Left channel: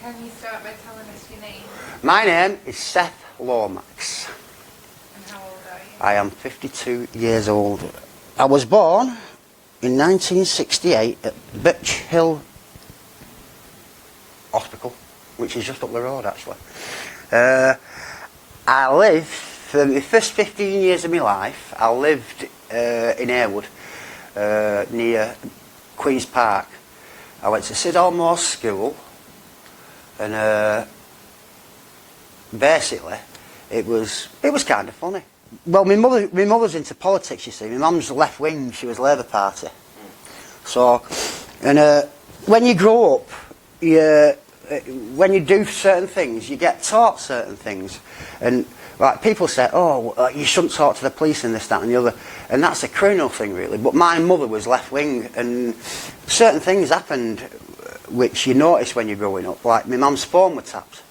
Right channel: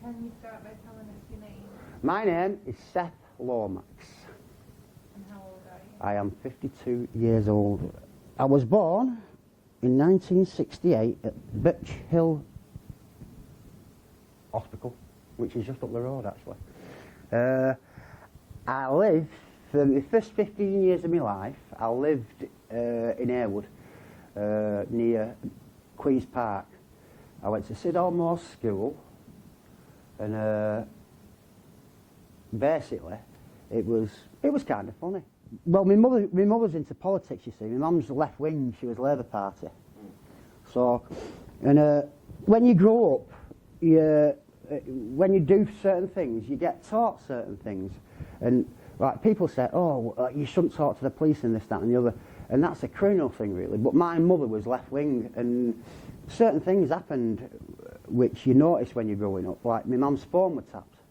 Can you start by telling us your name? My name is Seth Lomax. And how old are you? I am 52 years old. I was born in 1968 at Birch Hill Hospital, which is just up the road actually. I lived, for the first 15 years of my life, I lived in Heroin, near Queen's Park. I went to Sidalmore School, and basically it was kind of funny. Well, my mother's into politics, you see. My mum's left wing, she was Labour Party. So, and when you grow up, when you do certain things, you get taught certain things. And like people say, oh, you shouldn't talk to the police and this, that and the other. And that's a criminal thing, really. But my mother was left wing, and certain things happened which you notice when you're growing up. Like my mum's phone was tapped.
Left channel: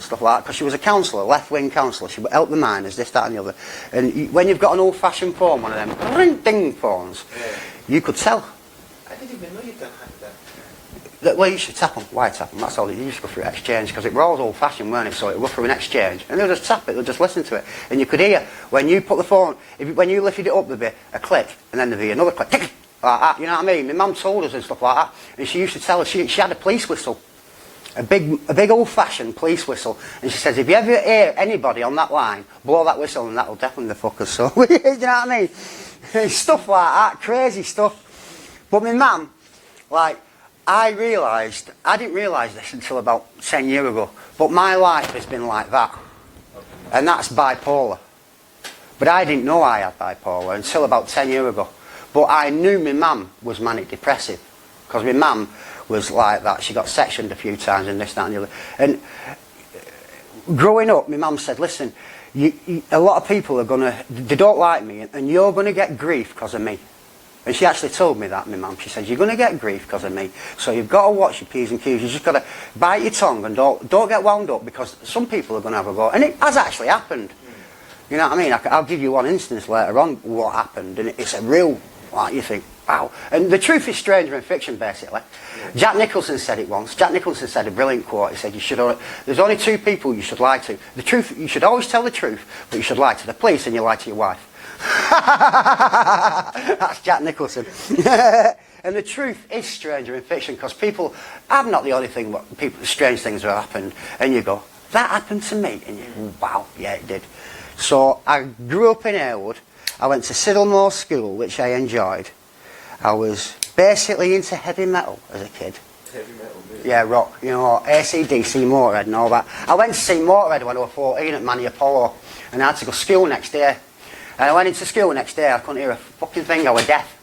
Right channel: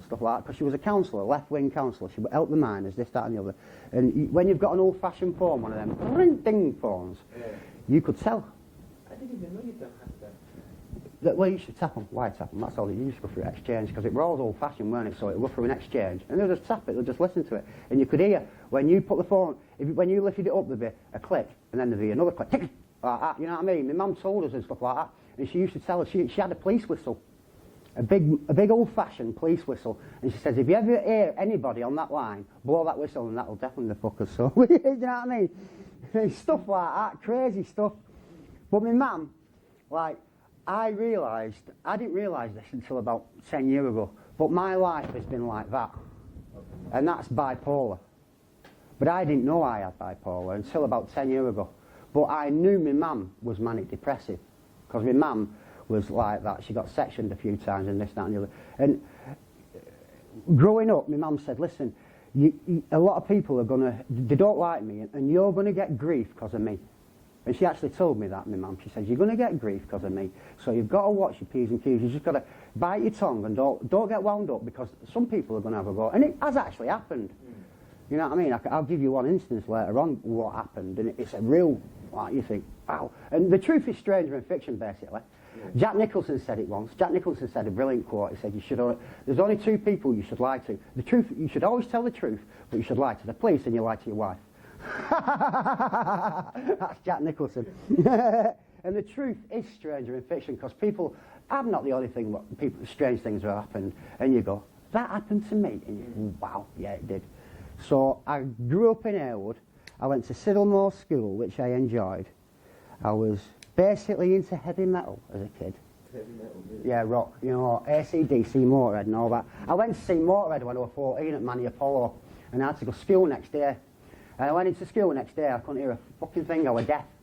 Stuff like that, because she was a counsellor, left-wing counsellor. She would help the miners, this, that and the other. And when you've got an old-fashioned phone, one of them ring-ding phones, you could tell. I didn't even know you done that. Well, you should tap them. Why tap them? That's all. You used to go through exchange, because it was always old-fashioned, weren't it? So it would go through an exchange, and they'll just tap it, they'll just listen to it. And you could hear, when you put the phone, when you lifted it up, there'd be a click, and then there'd be another click, like that, you know what I mean? My mum told us and stuff like that, and she used to tell us, she had a police whistle. A big old-fashioned police whistle, and she says, if you ever hear anybody on that line, blow that whistle and that'll deafen the fuckers. So, you know what I mean? Stuff like that, crazy stuff. But my mum, like, I didn't realise this until about 10 years ago, but my life has been like that. And that's bipolar. But I didn't know I had bipolar until about 10 years ago. But I knew my mum was manic depressive, because my mum was like that. She got sectioned a few times and this, that and the other. And growing up, my mum said, listen, a lot of people are they don't like me, and you're going to get grief because of me. And she actually told me that, my mum. She said, you're going to get grief because of me, so you've got to watch your P's and Q's. You've just got to bite your tongue and don't get wound up, because some people are going to have a go. And it has actually happened. You know what I mean? I'll give you one instance later on what happened, and it's a real, like, you think, wow. And the truth is stranger than fiction, basically. Jack Nicholson said it once. Jack Nicholson said a brilliant quote. He said, there's only two people you should lie to. The truth, you should always tell the truth, but you should lie to the police and you lie to your wife. That's Jack Nicholson. And the truth is stranger in fiction, because I'm not the only thing, but strange things have happened. And you go, that happened to me? And you, wow, yeah, it did. So I grew up in Heroin. I went to Sidalmore School, which I enjoyed. I was basically into heavy metal as a kid. Heavy metal, really? Yeah, rock. You know, AC/DC, Motorhead and all that. I went to see Motorhead when I was 14 at Manny Apollo, and I had to go to school next day. And I went into school next day, I couldn't hear a fucking thing, I was deaf.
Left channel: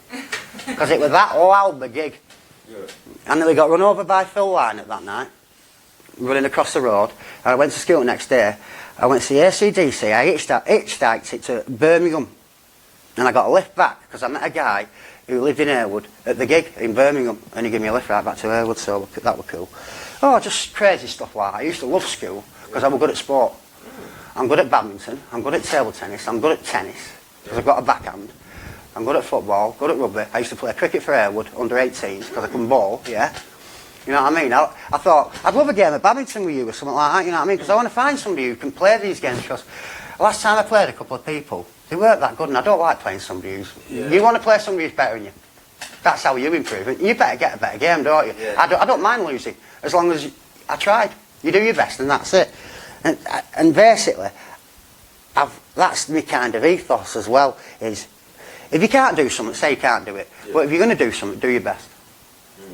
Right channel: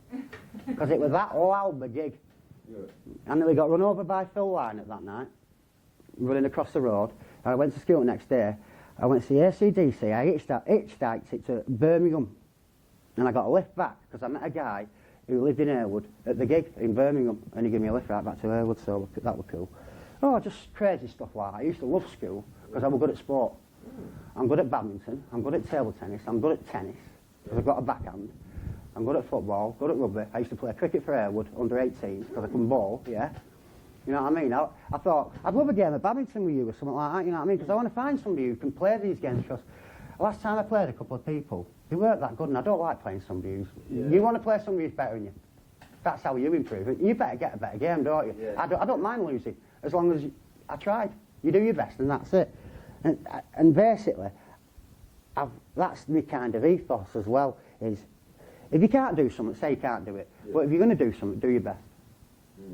Because it was that loud, the gig. Yeah. And then we got run over by Phil Lynott that night, running across the road. And I went to school the next day. I went to see AC/DC, I hitchhiked it to Birmingham. And I got a lift back, because I met a guy who lived in Heroin at the gig in Birmingham, and he gave me a lift right back to Heroin, so that was cool. Oh, just crazy stuff like that. I used to love school, because I was good at sport. I'm good at badminton, I'm good at table tennis, I'm good at tennis, because I've got a backhand. I'm good at football, good at rugby. I used to play cricket for Heroin, under 18s, because I couldn't bowl, yeah. You know what I mean? I thought, I'd love a game of badminton with you or something like that, you know what I mean? Because I want to find somebody who can play these games, because last time I played a couple of people, they weren't that good, and I don't like playing somebody who's... Yeah. You want to play somebody who's better than you. That's how you improve it. You better get a better game, don't you? Yeah. I don't mind losing, as long as I tried. You do your best, and that's it. And basically, that's my kind of ethos as well, is if you can't do something, say you can't do it. Yeah. But if you're going to do something, do your best.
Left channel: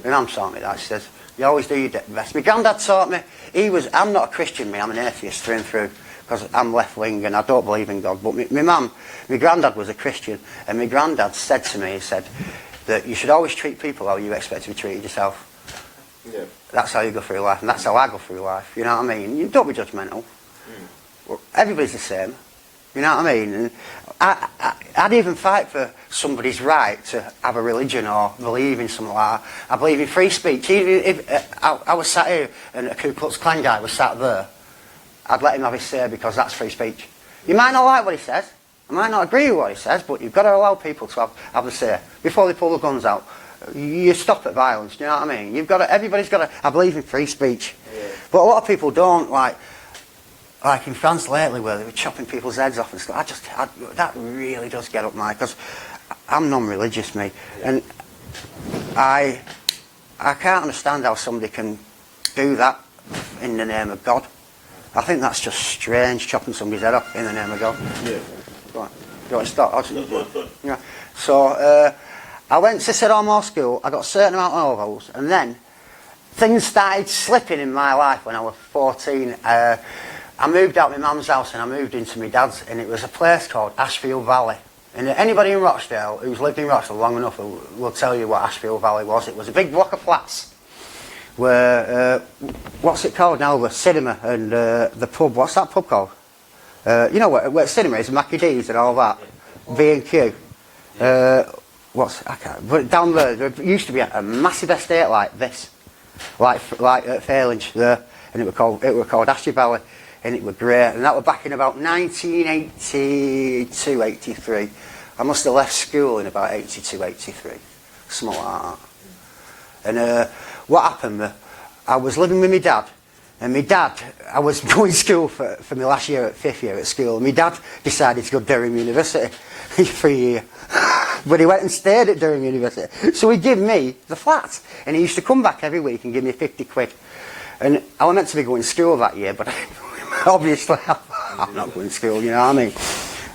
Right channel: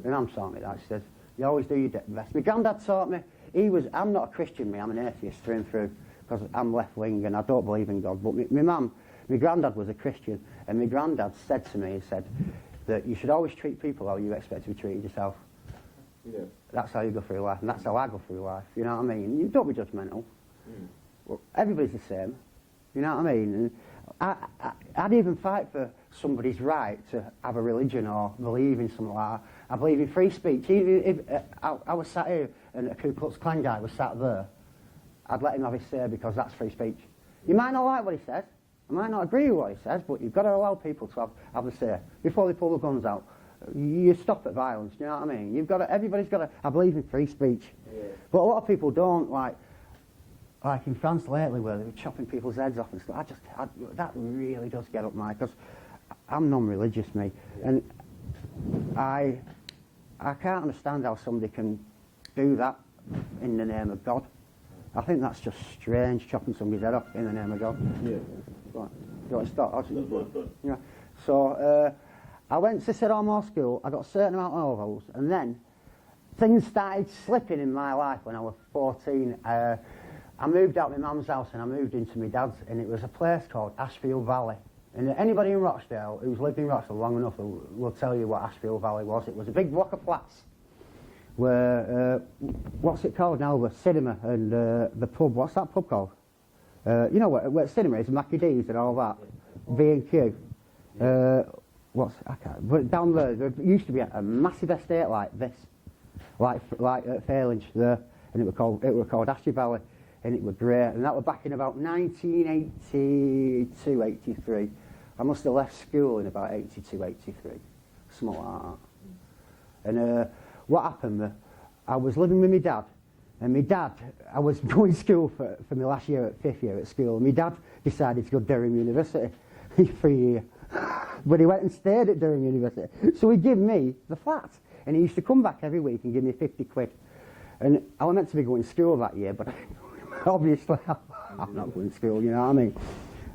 And I'm taught me that. She says, you always do your best. My granddad taught me, I'm not a Christian, I'm an atheist through and through. Because I'm left-wing and I don't believe in God. But my granddad was a Christian, and my granddad said to me, he said that you should always treat people how you expect to be treated yourself. Yeah. That's how you go through life, and that's how I go through life, you know what I mean? You don't be judgmental. Well, everybody's the same, you know what I mean? And I'd even fight for somebody's right to have a religion or believe in something like that. I believe in free speech. Even if I was sat here and a Ku Klux Klan guy was sat there, I'd let him have his say, because that's free speech. You might not like what he says, I might not agree with what he says, but you've got to allow people to have the say before they pull the guns out. you stop at violence. Do you know what I mean? Everybody's got to. I believe in free speech, Yeah. but a lot of people don't. Like in France lately, where they were chopping people's heads off and stuff. That really does get up my, because I'm non-religious, me, and I can't understand how somebody can do that in the name of God. I think that's just strange, chopping somebody's head off in the name of God. Yeah. Go on. Do you want to start? Yeah. So I went to Sidormore School. I got a certain amount of ovals, and then things started slipping in my life when I was 14. I moved out of my mum's house and I moved into my dad's, and it was a place called Ashfield Valley. And anybody in Rochdale who's lived in Rochdale long enough will tell you what Ashfield Valley was. It was a big block of flats where, what's it called now, the cinema and the pub. What's that pub called? You know where cinema is, Mackie D's and all that, B&Q. But down there used to be a massive estate like this, like at Fairlinge there, and it were called Ashfield Valley. And it was great, and that was back in about 1982, 83. I must have left school in about 82, 83, something like that. And what happened, I was living with my dad, and my dad, I was going to school for my last year, at 5th year at school, and my dad decided to go to Durham University for a year. But he went and stayed at Durham University. So he gave me the flat, and he used to come back every week and give me 50 quid. And I was meant to be going to school that year, but obviously I'm not going to school, you know what I mean?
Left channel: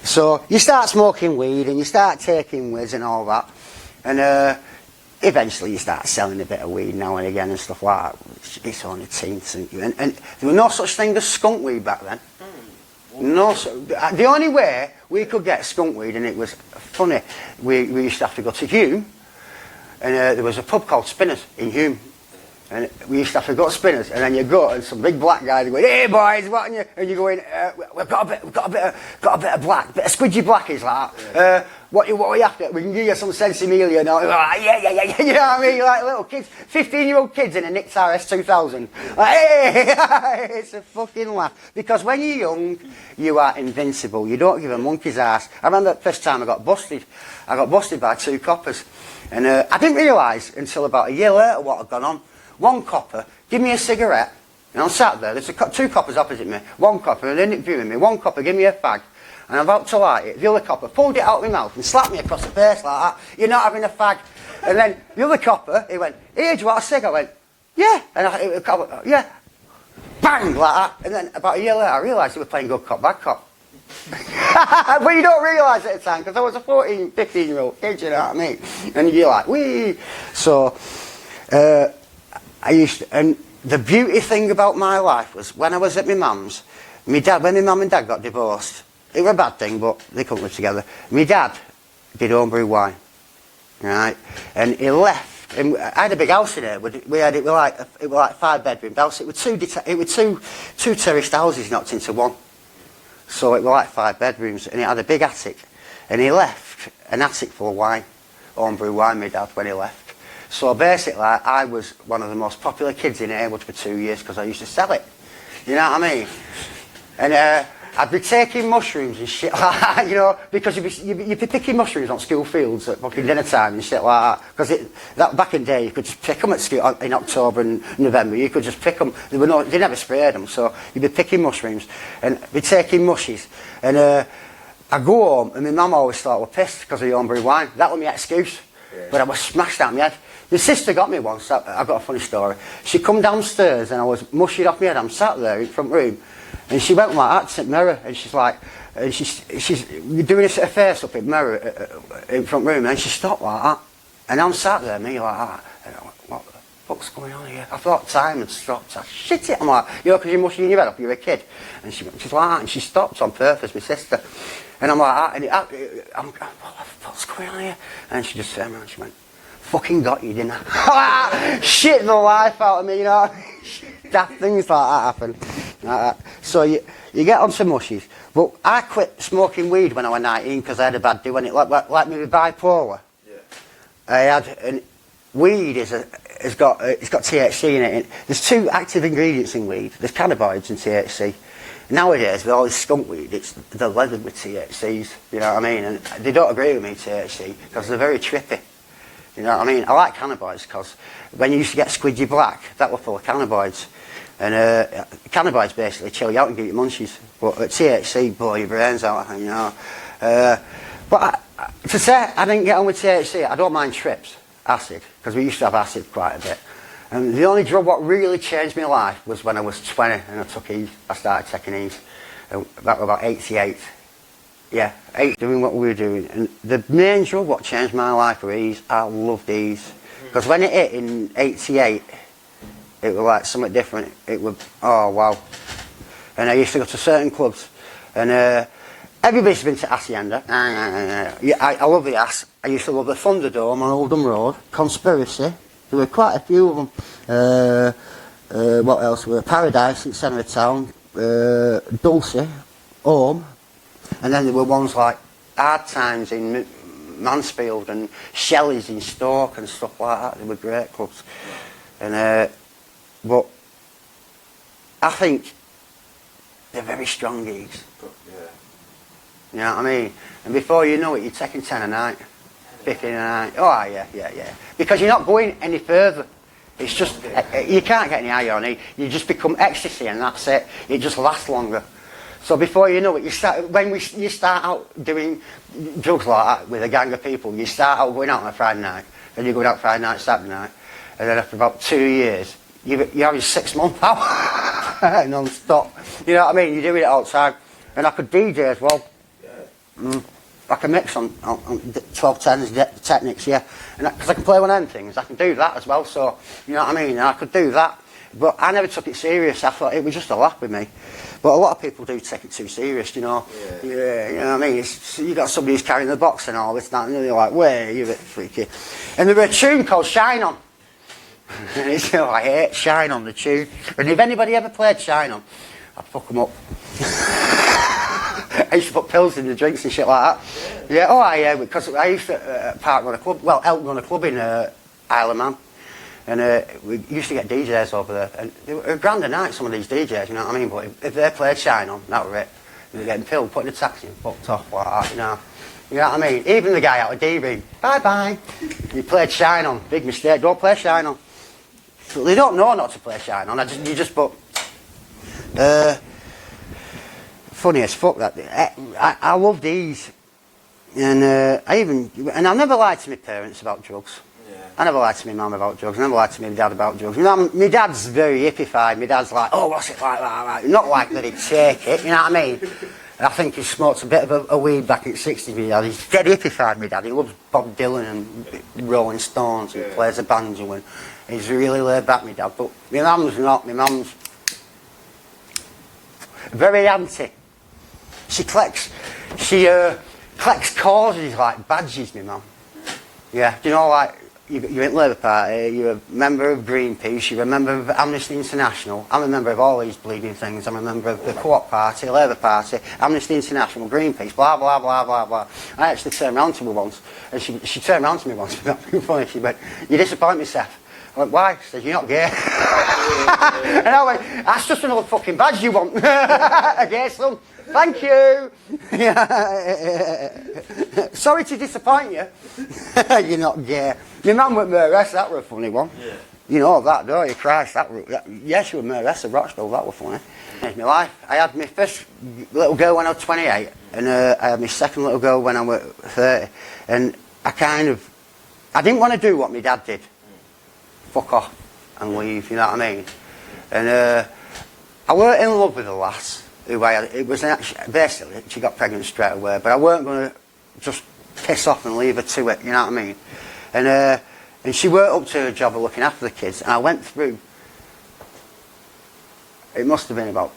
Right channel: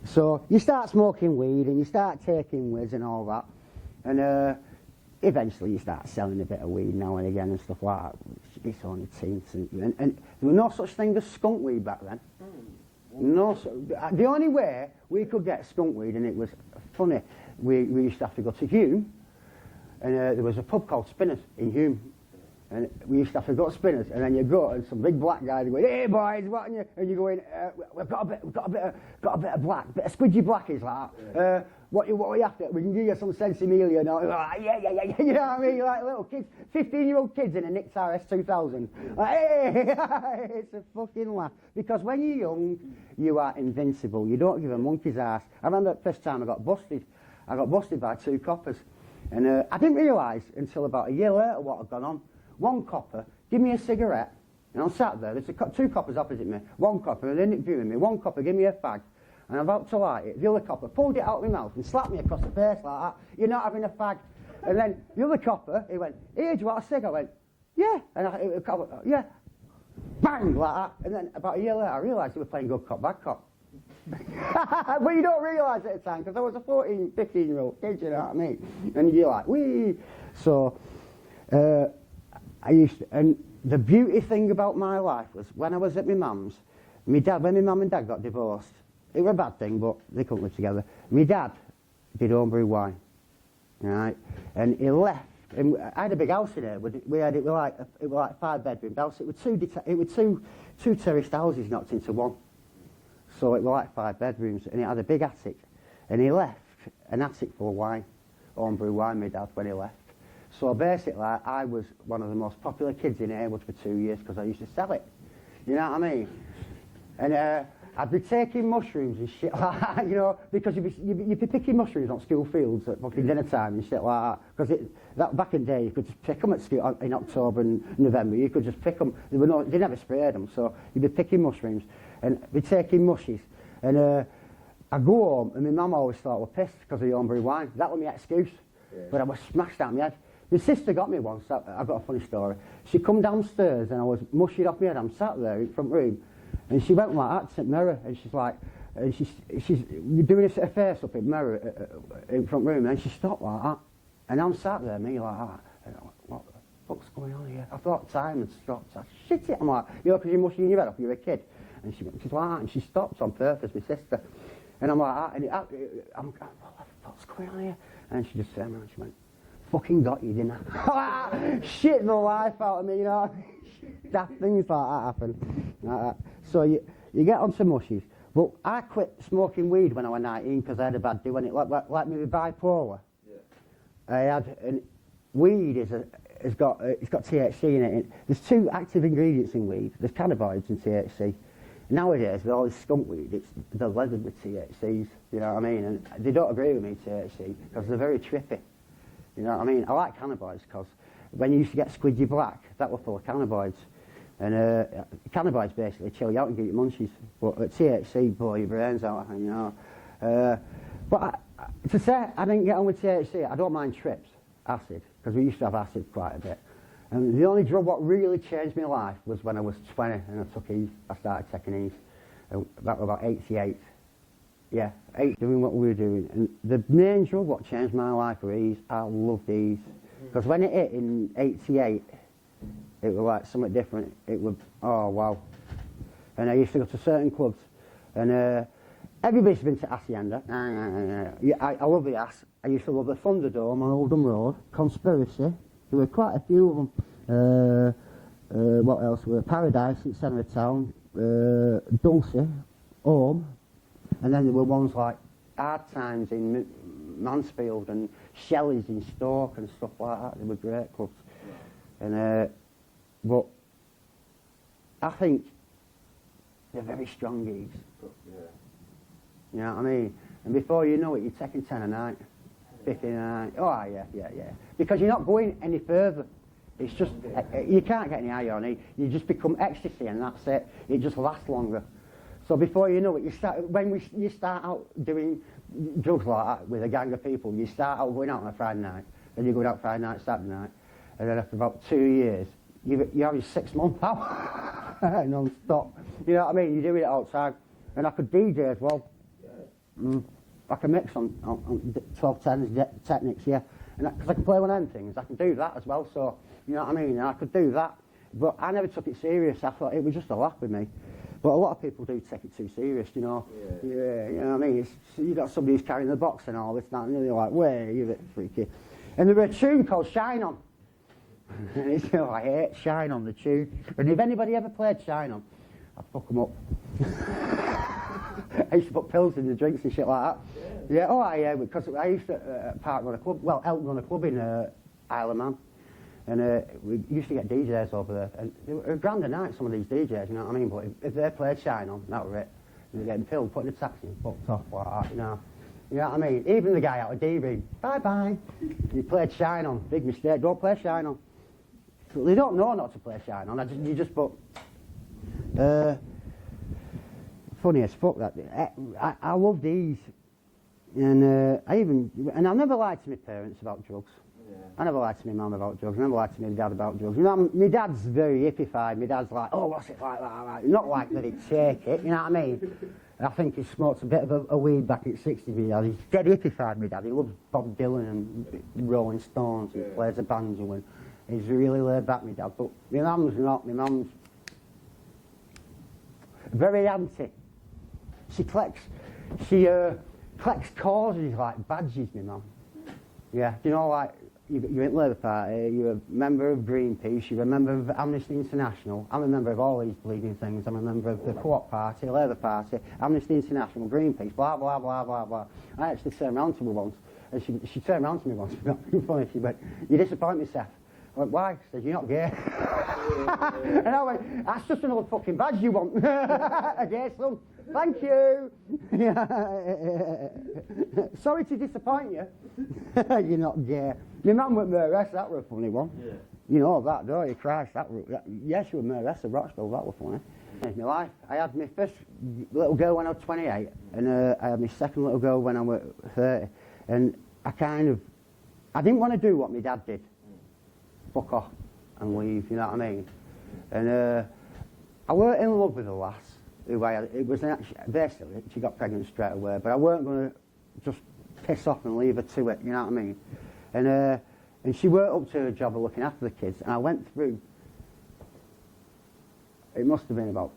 So you start smoking weed and you start taking whiz and all that, and eventually you start selling a bit of weed now and again and stuff like that. It's only teens, and there was no such thing as skunk weed back then. The only way we could get skunk weed, and it was funny, we used to have to go to Hume, and there was a pub called Spinners in Hume. And we used to have to go to Spinners, and then you go, and some big black guys go, "Hey boys, what?" And you go in, "We've got a bit of black, bit of squidgy blackies like that. What are you after? We can give you some Sensimilia." And all. Like, yeah. You know what I mean? Like little kids, 15-year-old kids in a Nix RS 2000. Like, hey, it's a fucking laugh. Because when you're young, you are invincible. You don't give a monkey's ass. I remember the first time I got busted. I got busted by 2 coppers, and I didn't realise until about a year later what had gone on. One copper, give me a cigarette, and I'm sat there, there's 2 coppers opposite me, one copper, and they're interviewing me, one copper, give me a fag, and I'm about to light it, the other copper pulled it out of my mouth and slapped me across the face like that, "You're not having a fag." And then the other copper, he went, "Here, do you want a cig?" I went, "Yeah," and yeah, bang, like that, and then about a year later I realised they were playing good cop, bad cop. But you don't realise at the time, because I was a 14, 15-year-old kid, you know what I mean, and you're like, wee. So, and the beauty thing about my life was when I was at my mum's, when my mum and dad got divorced, it was a bad thing, but they couldn't live together. My dad did homebrew wine, right? And he left, and I had a big house in there. It was like 5 bedroom house. It was two terraced houses knocked into one, so it was like 5 bedrooms, and it had a big attic. And he left an attic full of wine, homebrew wine. My dad, when he left. So basically, I was one of the most popular kids in Heywood for 2 years because I used to sell it. You know what I mean? And I'd be taking mushrooms and shit like that, you know, because you'd be picking mushrooms on school fields at fucking dinner time and shit like that. Because back in the day, you could just pick them at school in October and November. You could just pick them. They never sprayed them, so you'd be picking mushrooms and be taking mushies. And I'd go home, and my mum always thought I was pissed because of the homebrew wine. That was my excuse. Yeah. But I was smashed out my head. My sister got me once. I've got a funny story. She come downstairs and I was mushy off my head. I'm sat there in the front room, and she went like that to the mirror, and she's like, and she's doing a face up in the mirror in the front room, and she stopped like that, and I'm sat there, me like that. And I went, "What the fuck's going on here?" I thought time had stopped. I shit it. I'm like, you know, because you're mushing your head up, you're a kid, and she's like that, and she stopped on purpose, my sister, and I'm like that, and I'm going, "What the fuck's going on here?" And she just turned around and she went, "Fucking got you, didn't I?" Shit the life out of me, you know. Daft things like that happen. Like that. So you get onto mushies. But I quit smoking weed when I was 19 because I had a bad day when it like me with bipolar. Yeah. I had, and weed it's got THC in it. There's 2 active ingredients in weed. There's cannabinoids and THC. Nowadays, with all this skunk weed, they're leathered with THCs. You know what I mean? And they don't agree with me, THC, because they're very trippy. You know what I mean? I like cannabinoids because when you used to get squidgy black, that were full of cannabinoids. And cannabinoids basically chill you out and give you munchies. But THC blow your brains out, you know. To say I didn't get on with THC, I don't mind trips, acid, because we used to have acid quite a bit. And the only drug what really changed my life was when I was 20 and I started taking E's. That was about 88. Yeah, doing what we were doing. And the main drug what changed my life were E's. I loved E's. Because when it hit in 88, it was like something different. It was, oh wow. And I used to go to certain clubs. And everybody's been to Hacienda. Yeah, I love the Ass. I used to love the Thunderdome on Oldham Road. Conspiracy. There were quite a few of them. What else? Were Paradise in centre of town. Dulce. Home. And then there were ones like Hard Times in Mansfield and Shelley's in Stoke and stuff like that. They were great clubs. And but I think they're very strong gigs. Yeah. You know what I mean? And before you know it, you're taking 10 a night, 15 a night. Oh yeah. Because you're not going any further. It's just you can't get any higher on it. You just become ecstasy, and that's it. It just lasts longer. So before you know it, you start out doing drugs like that with a gang of people. You start out going out on a Friday night, then you're going out Friday night, Saturday night, and then after about 2 years, you're having 6 months out non-stop. You know what I mean? You're doing it all the time. And I could DJ as well. Yeah. I can mix on 1210s, Technics, yeah. And because I can play one of them things, I can do that as well. So, you know what I mean? And I could do that. But I never took it serious. I thought it was just a laugh with me. But a lot of people do take it too serious, you know. Yeah, you know what I mean? You got somebody who's carrying the box and all this, that, and you're like, where you're a bit freaky. And there was a tune called Shine On. And it's, you know, I hate Shine On, the tune. And if anybody ever played Shine On, I'd fuck them up. I used to put pills in the drinks and shit like that. Yeah, because I used to run a club, help run a club in Isle of Man. And we used to get DJs over there. And they were a grand a night, some of these DJs, you know what I mean? But if they played Shine On, that was it. They were getting pilled, putting a taxi and fucked off like that, you know. You know what I mean? Even the guy out of D-Room, bye-bye. He played Shine On. Big mistake. Don't play Shine On. So they don't know not to play Shine On. You just put... funny as fuck that. I love these. And I never lied to my parents about drugs. I never lied to my mum about drugs. I never lied to my dad about drugs. You know, my dad's very hippified. My dad's like, oh, what's it like that? Not like that he'd take it, you know what I mean? And I think he smoked a bit of a weed back in the 60s, my dad. He's dead hippified, my dad. He loves Bob Dylan and Rolling Stones and plays a banjo, and he's really laid back, my dad. But my mum's not. My mum's very anti. She collects causes like badges, my mum. Yeah, do you know, like, you're in Labour Party, you're a member of Greenpeace, you're a member of Amnesty International. I'm a member of all these bleeding things. I'm a member of the Co-op Party, Labour Party, Amnesty International, Greenpeace, blah, blah, blah, blah, blah. I actually turned around to her once, and she turned around to me once, funny, she went, you disappoint me, Seth. I went, why? She said, you're not gay. And I went, that's just another fucking badge you want. A gay son. Thank you. Sorry to disappoint you. You're not gay. My mum went Mayoress, that were a funny one. Yeah. You know that, don't you? Christ, yes, she was Mayoress of Rochdale, that was funny. In my life, I had my first little girl when I was 28, and I had my second little girl when I was 30. And I didn't want to do what my dad did. Fuck off and leave, you know what I mean? And I weren't in love with the lass. It was basically, she got pregnant straight away, but I weren't going to just piss off and leave her to it, you know what I mean? And she worked up to her job of looking after the kids, and I went through, it must have been about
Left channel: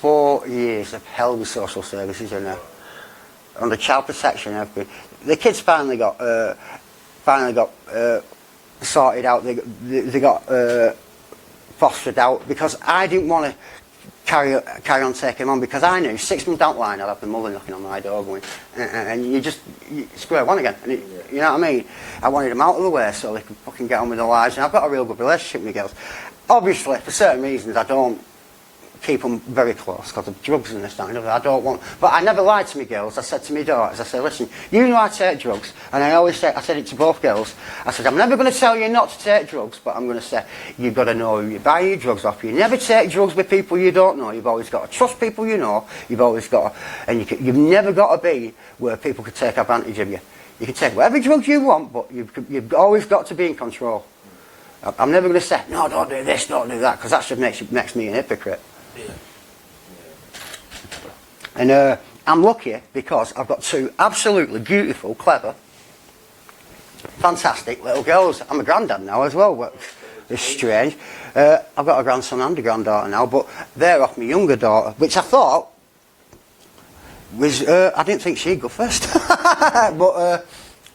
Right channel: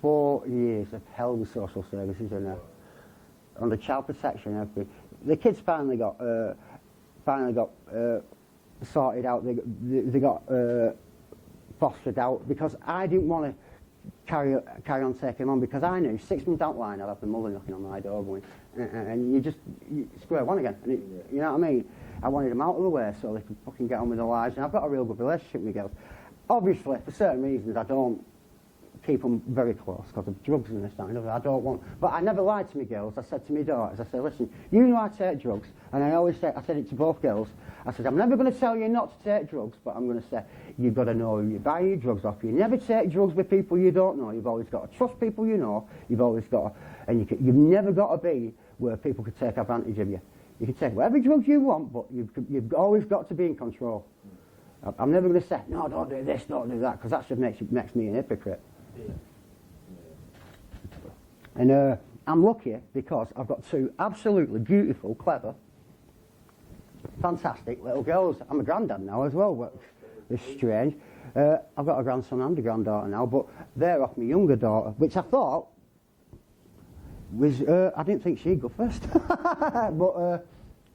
4 years of hell with social services in there, under child protection and everything. The kids finally got sorted out, they got fostered out, because I didn't want to carry on taking them on, because I knew 6 months down the line I'd have the mother knocking on my door going, and you square one again. And you know what I mean? I wanted them out of the way so they could fucking get on with their lives, and I've got a real good relationship with the girls. Obviously, for certain reasons, I don't keep them very close because of drugs and this, that and the other. I don't want... But I never lied to my girls. I said to my daughters, I said, listen, you know I take drugs. And I always say, I said it to both girls. I said, I'm never going to tell you not to take drugs, but I'm going to say, you've got to know who you buy your drugs off. You never take drugs with people you don't know. You've always got to trust people you know. You've always got to... And you've never got to be where people could take advantage of you. You can take whatever drugs you want, but you've always got to be in control. I'm never going to say, no, don't do this, don't do that, because that just makes me an hypocrite. Yeah. And I'm lucky because I've got two absolutely beautiful, clever, fantastic little girls. I'm a granddad now as well, but it's strange. I've got a grandson and a granddaughter now, but they're off my younger daughter, which I thought was, I didn't think she'd go first. But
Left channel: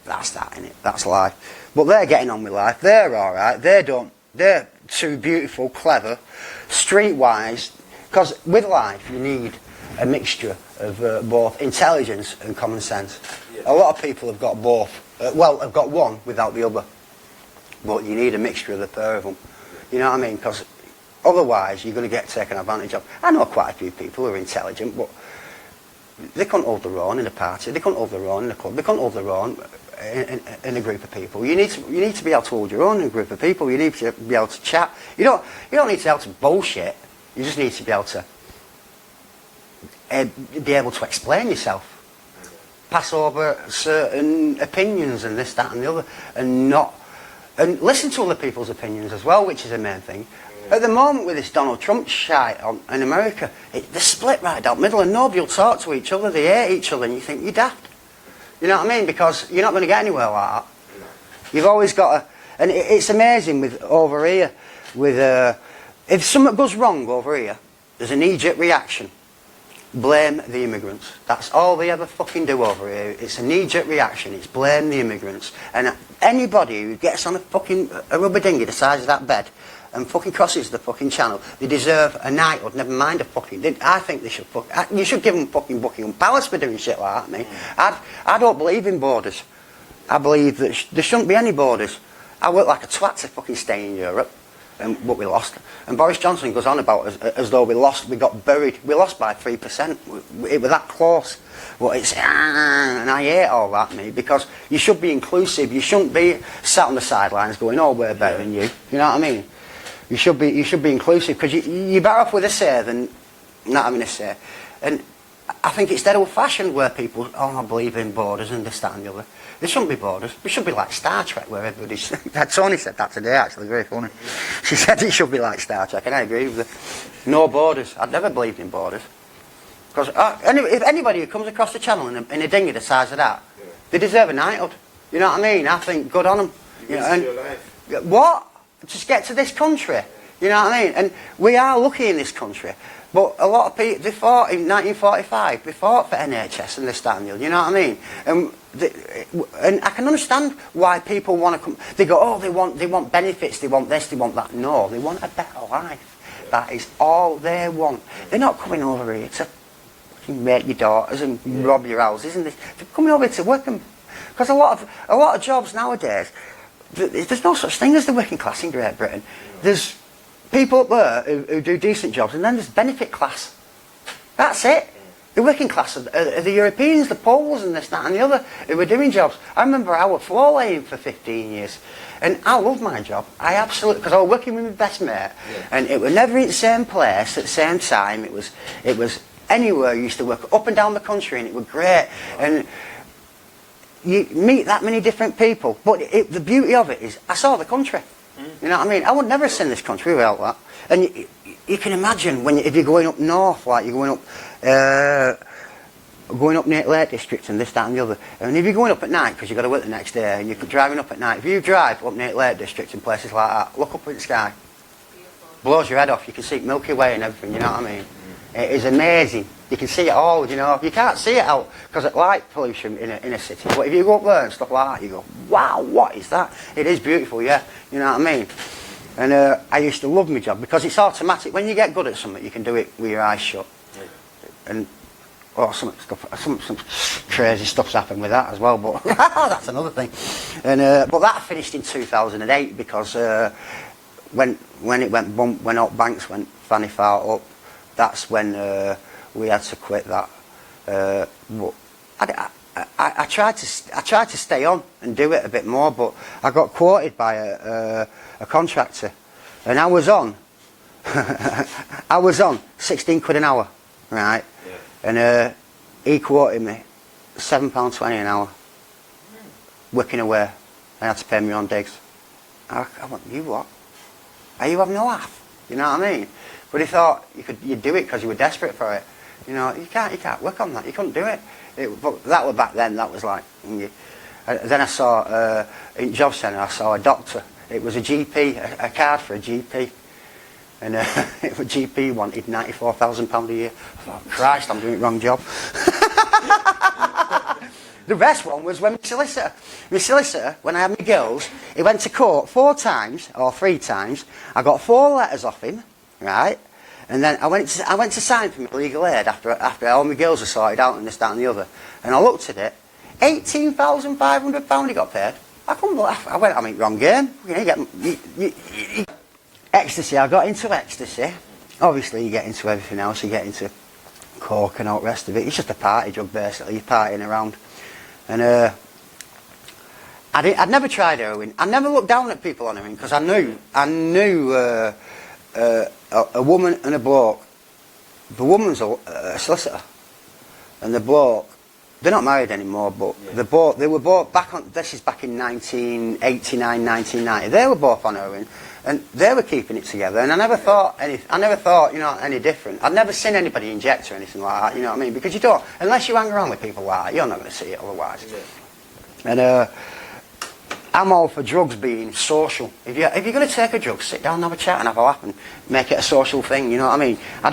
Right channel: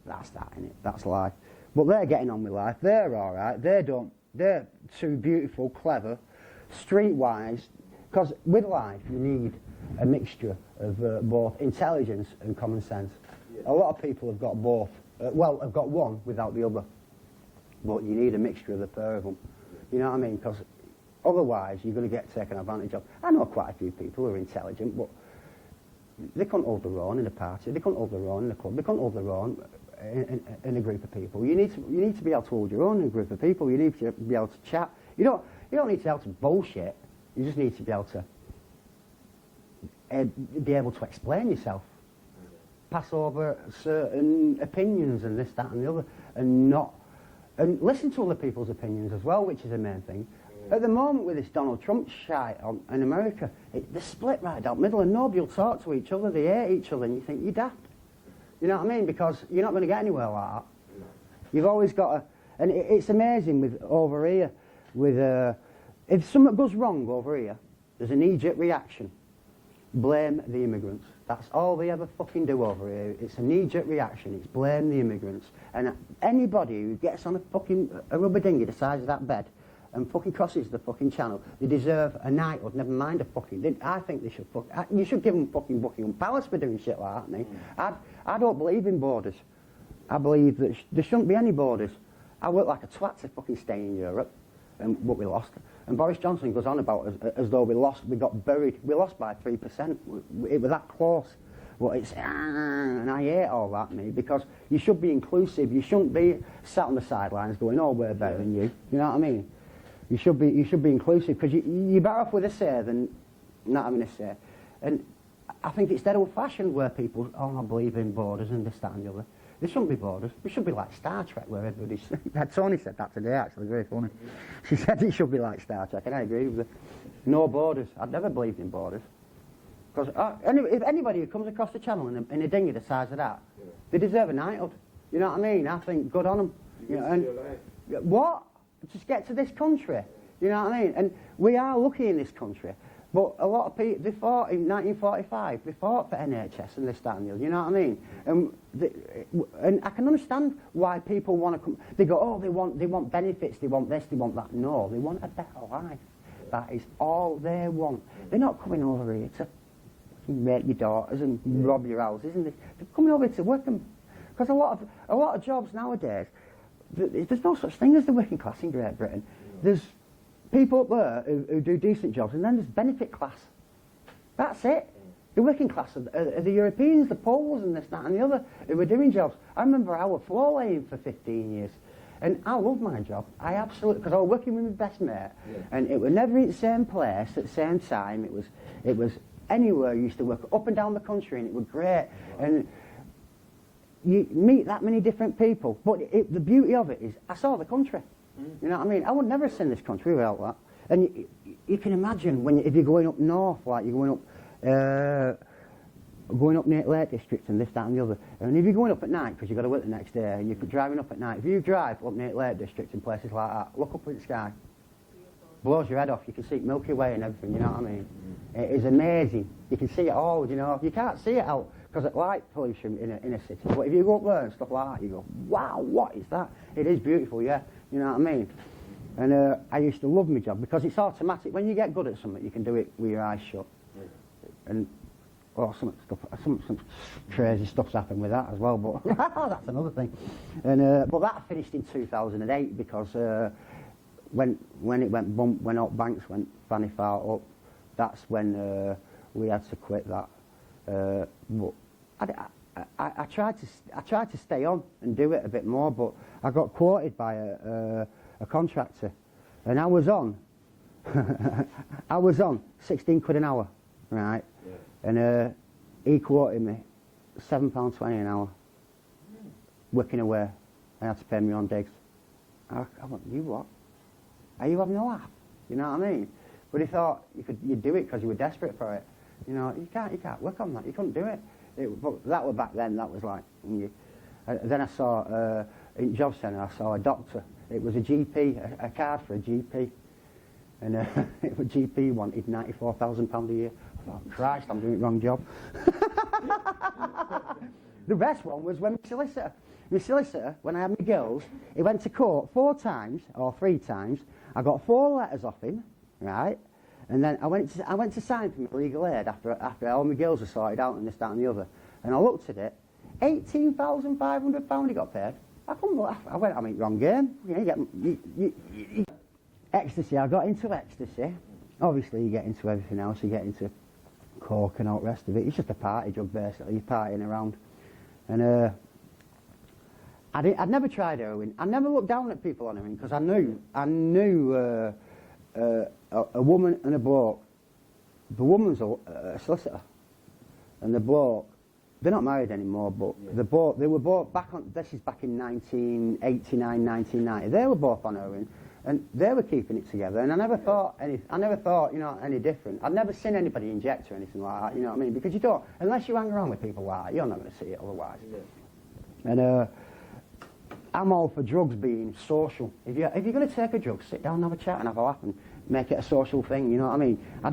that's that, innit? That's life. But they're getting on with life. They're alright. They're too beautiful, clever, streetwise. Because with life, you need a mixture of both intelligence and common sense. Yeah. A lot of people have got both. Well, have got one without the other. But you need a mixture of the pair of them. You know what I mean? Because otherwise, you're going to get taken advantage of. I know quite a few people who are intelligent, but they couldn't hold their own in a party. They couldn't hold their own in a club. They couldn't hold their own in a group of people. You need to be able to hold your own in a group of people. You need to be able to chat. You don't need to be able to bullshit. You just need to be able to explain yourself, pass over certain opinions and this, that, and the other, and listen to other people's opinions as well, which is the main thing. At the moment with this Donald Trump shite in America, they're split right down the middle, and nobody will talk to each other. They hate each other, and you think you're daft. You know what I mean? Because you're not going to get anywhere like that. You've always got to... And it's amazing with over here, with... if something goes wrong over here, there's an knee-jerk reaction. Blame the immigrants. That's all they ever fucking do over here. It's a knee-jerk reaction. It's blame the immigrants. And anybody who gets on a rubber dinghy the size of that bed and fucking crosses the fucking channel, they deserve a knighthood, never mind a fucking... I think they should you should give them fucking Buckingham Palace for doing shit like that, mate. I don't believe in borders. I believe that there shouldn't be any borders. I work like a twat to fucking stay in Europe, but we lost. And Boris Johnson goes on about as though we got buried. We lost by 3%. It was that close. But it's... And I hate all that, mate, because you should be inclusive. You shouldn't be sat on the sidelines going, oh, we're better than you. You know what I mean? You should be inclusive, because you're better off with a say than not having a say. And I think it's dead old-fashioned where people, I believe in borders and this, that and the other. There shouldn't be borders. It should be like Star Trek, where everybody's... Tony said that today, actually, very funny. She said it should be like Star Trek, and I agree with her. No borders. I'd never believed in borders. Because if anybody who comes across the channel in a dinghy the size of that, they deserve a knighthood. You know what I mean? I think good on them. You risk your life. What? Just get to this country. You know what I mean? And we are lucky in this country. But a lot of people, they fought in 1945, they fought for NHS and this, that and the other, you know what I mean? And I can understand why people want to come, they go, oh, they want benefits, they want this, they want that. No, they want a better life. That is all they want. They're not coming over here to rape your daughters and rob your houses and this. They're coming over here to work. Because a lot of jobs nowadays, there's no such thing as the working class in Great Britain. There's people up there who do decent jobs, and then there's benefit class. That's it. The working class are the Europeans, the Poles and this, that and the other, who were doing jobs. I remember I was floor laying for 15 years. And I loved my job. I absolutely... Because I was working with my best mate. And it was never in the same place at the same time. It was anywhere. You used to work up and down the country, and it was great. And you meet that many different people. But the beauty of it is I saw the country. You know what I mean? I would never have seen this country without that. And you can imagine if you're going up north, like you're going up near Lake District and this, that and the other. And if you're going up at night, because you've got to work the next day, and you're driving up at night, if you drive up near Lake District and places like that, look up at the sky. Blows your head off. You can see Milky Way and everything, you know what I mean? It is amazing. You can see it all, you know. You can't see it out because of light pollution in a city. But if you go up there and stuff like that, you go, wow, what is that? It is beautiful, yeah. You know what I mean? And I used to love my job because it's automatic. When you get good at something, you can do it with your eyes shut. And some crazy stuff's happened with that as well, but that's another thing. And but that finished in 2008 because when it went bump, when all banks went fanny far up, that's when we had to quit that. But I tried to stay on and do it a bit more, but I got quoted by a contractor, and I was on I was on 16 quid an hour, right? Yeah. And he quoted me £7.20 an hour, wicking away. I had to pay me on digs. I went, you what? Are you having a laugh? You know what I mean? But he thought you'd do it because you were desperate for it. You know, you can't work on that. You couldn't do it. But that was back then. That was like. Then I saw in job centre. I saw a doctor. It was a GP, a card for a GP, and the GP wanted £94,000 a year. I thought, Christ, I'm doing the wrong job. The best one was when my solicitor, when I had my girls, he went to court 4 times or 3 times. I got 4 letters off him, right? And then I went to sign for my legal aid after all my girls were sorted out and this, that and the other. And I looked at it, £18,500 he got paid. I couldn't believe it. I went, I'm in the wrong game. Ecstasy, I got into ecstasy. Obviously you get into everything else, you get into coke and all the rest of it. It's just a party drug basically, you're partying around. And I'd never tried heroin. I never looked down at people on heroin because I knew a woman and a bloke. The woman's a solicitor, and the bloke, they're not married anymore, but yeah. They were both back on. This is back in 1989, 1990. They were both on heroin, and they were keeping it together. And I never thought any different. I'd never seen anybody inject or anything like that. You know what I mean? Because you don't, unless you hang around with people like that, you're not going to see it otherwise. Yeah. And I'm all for drugs being social. If you're going to take a drug, sit down and have a chat and have a laugh and make it a social thing, you know what I mean? I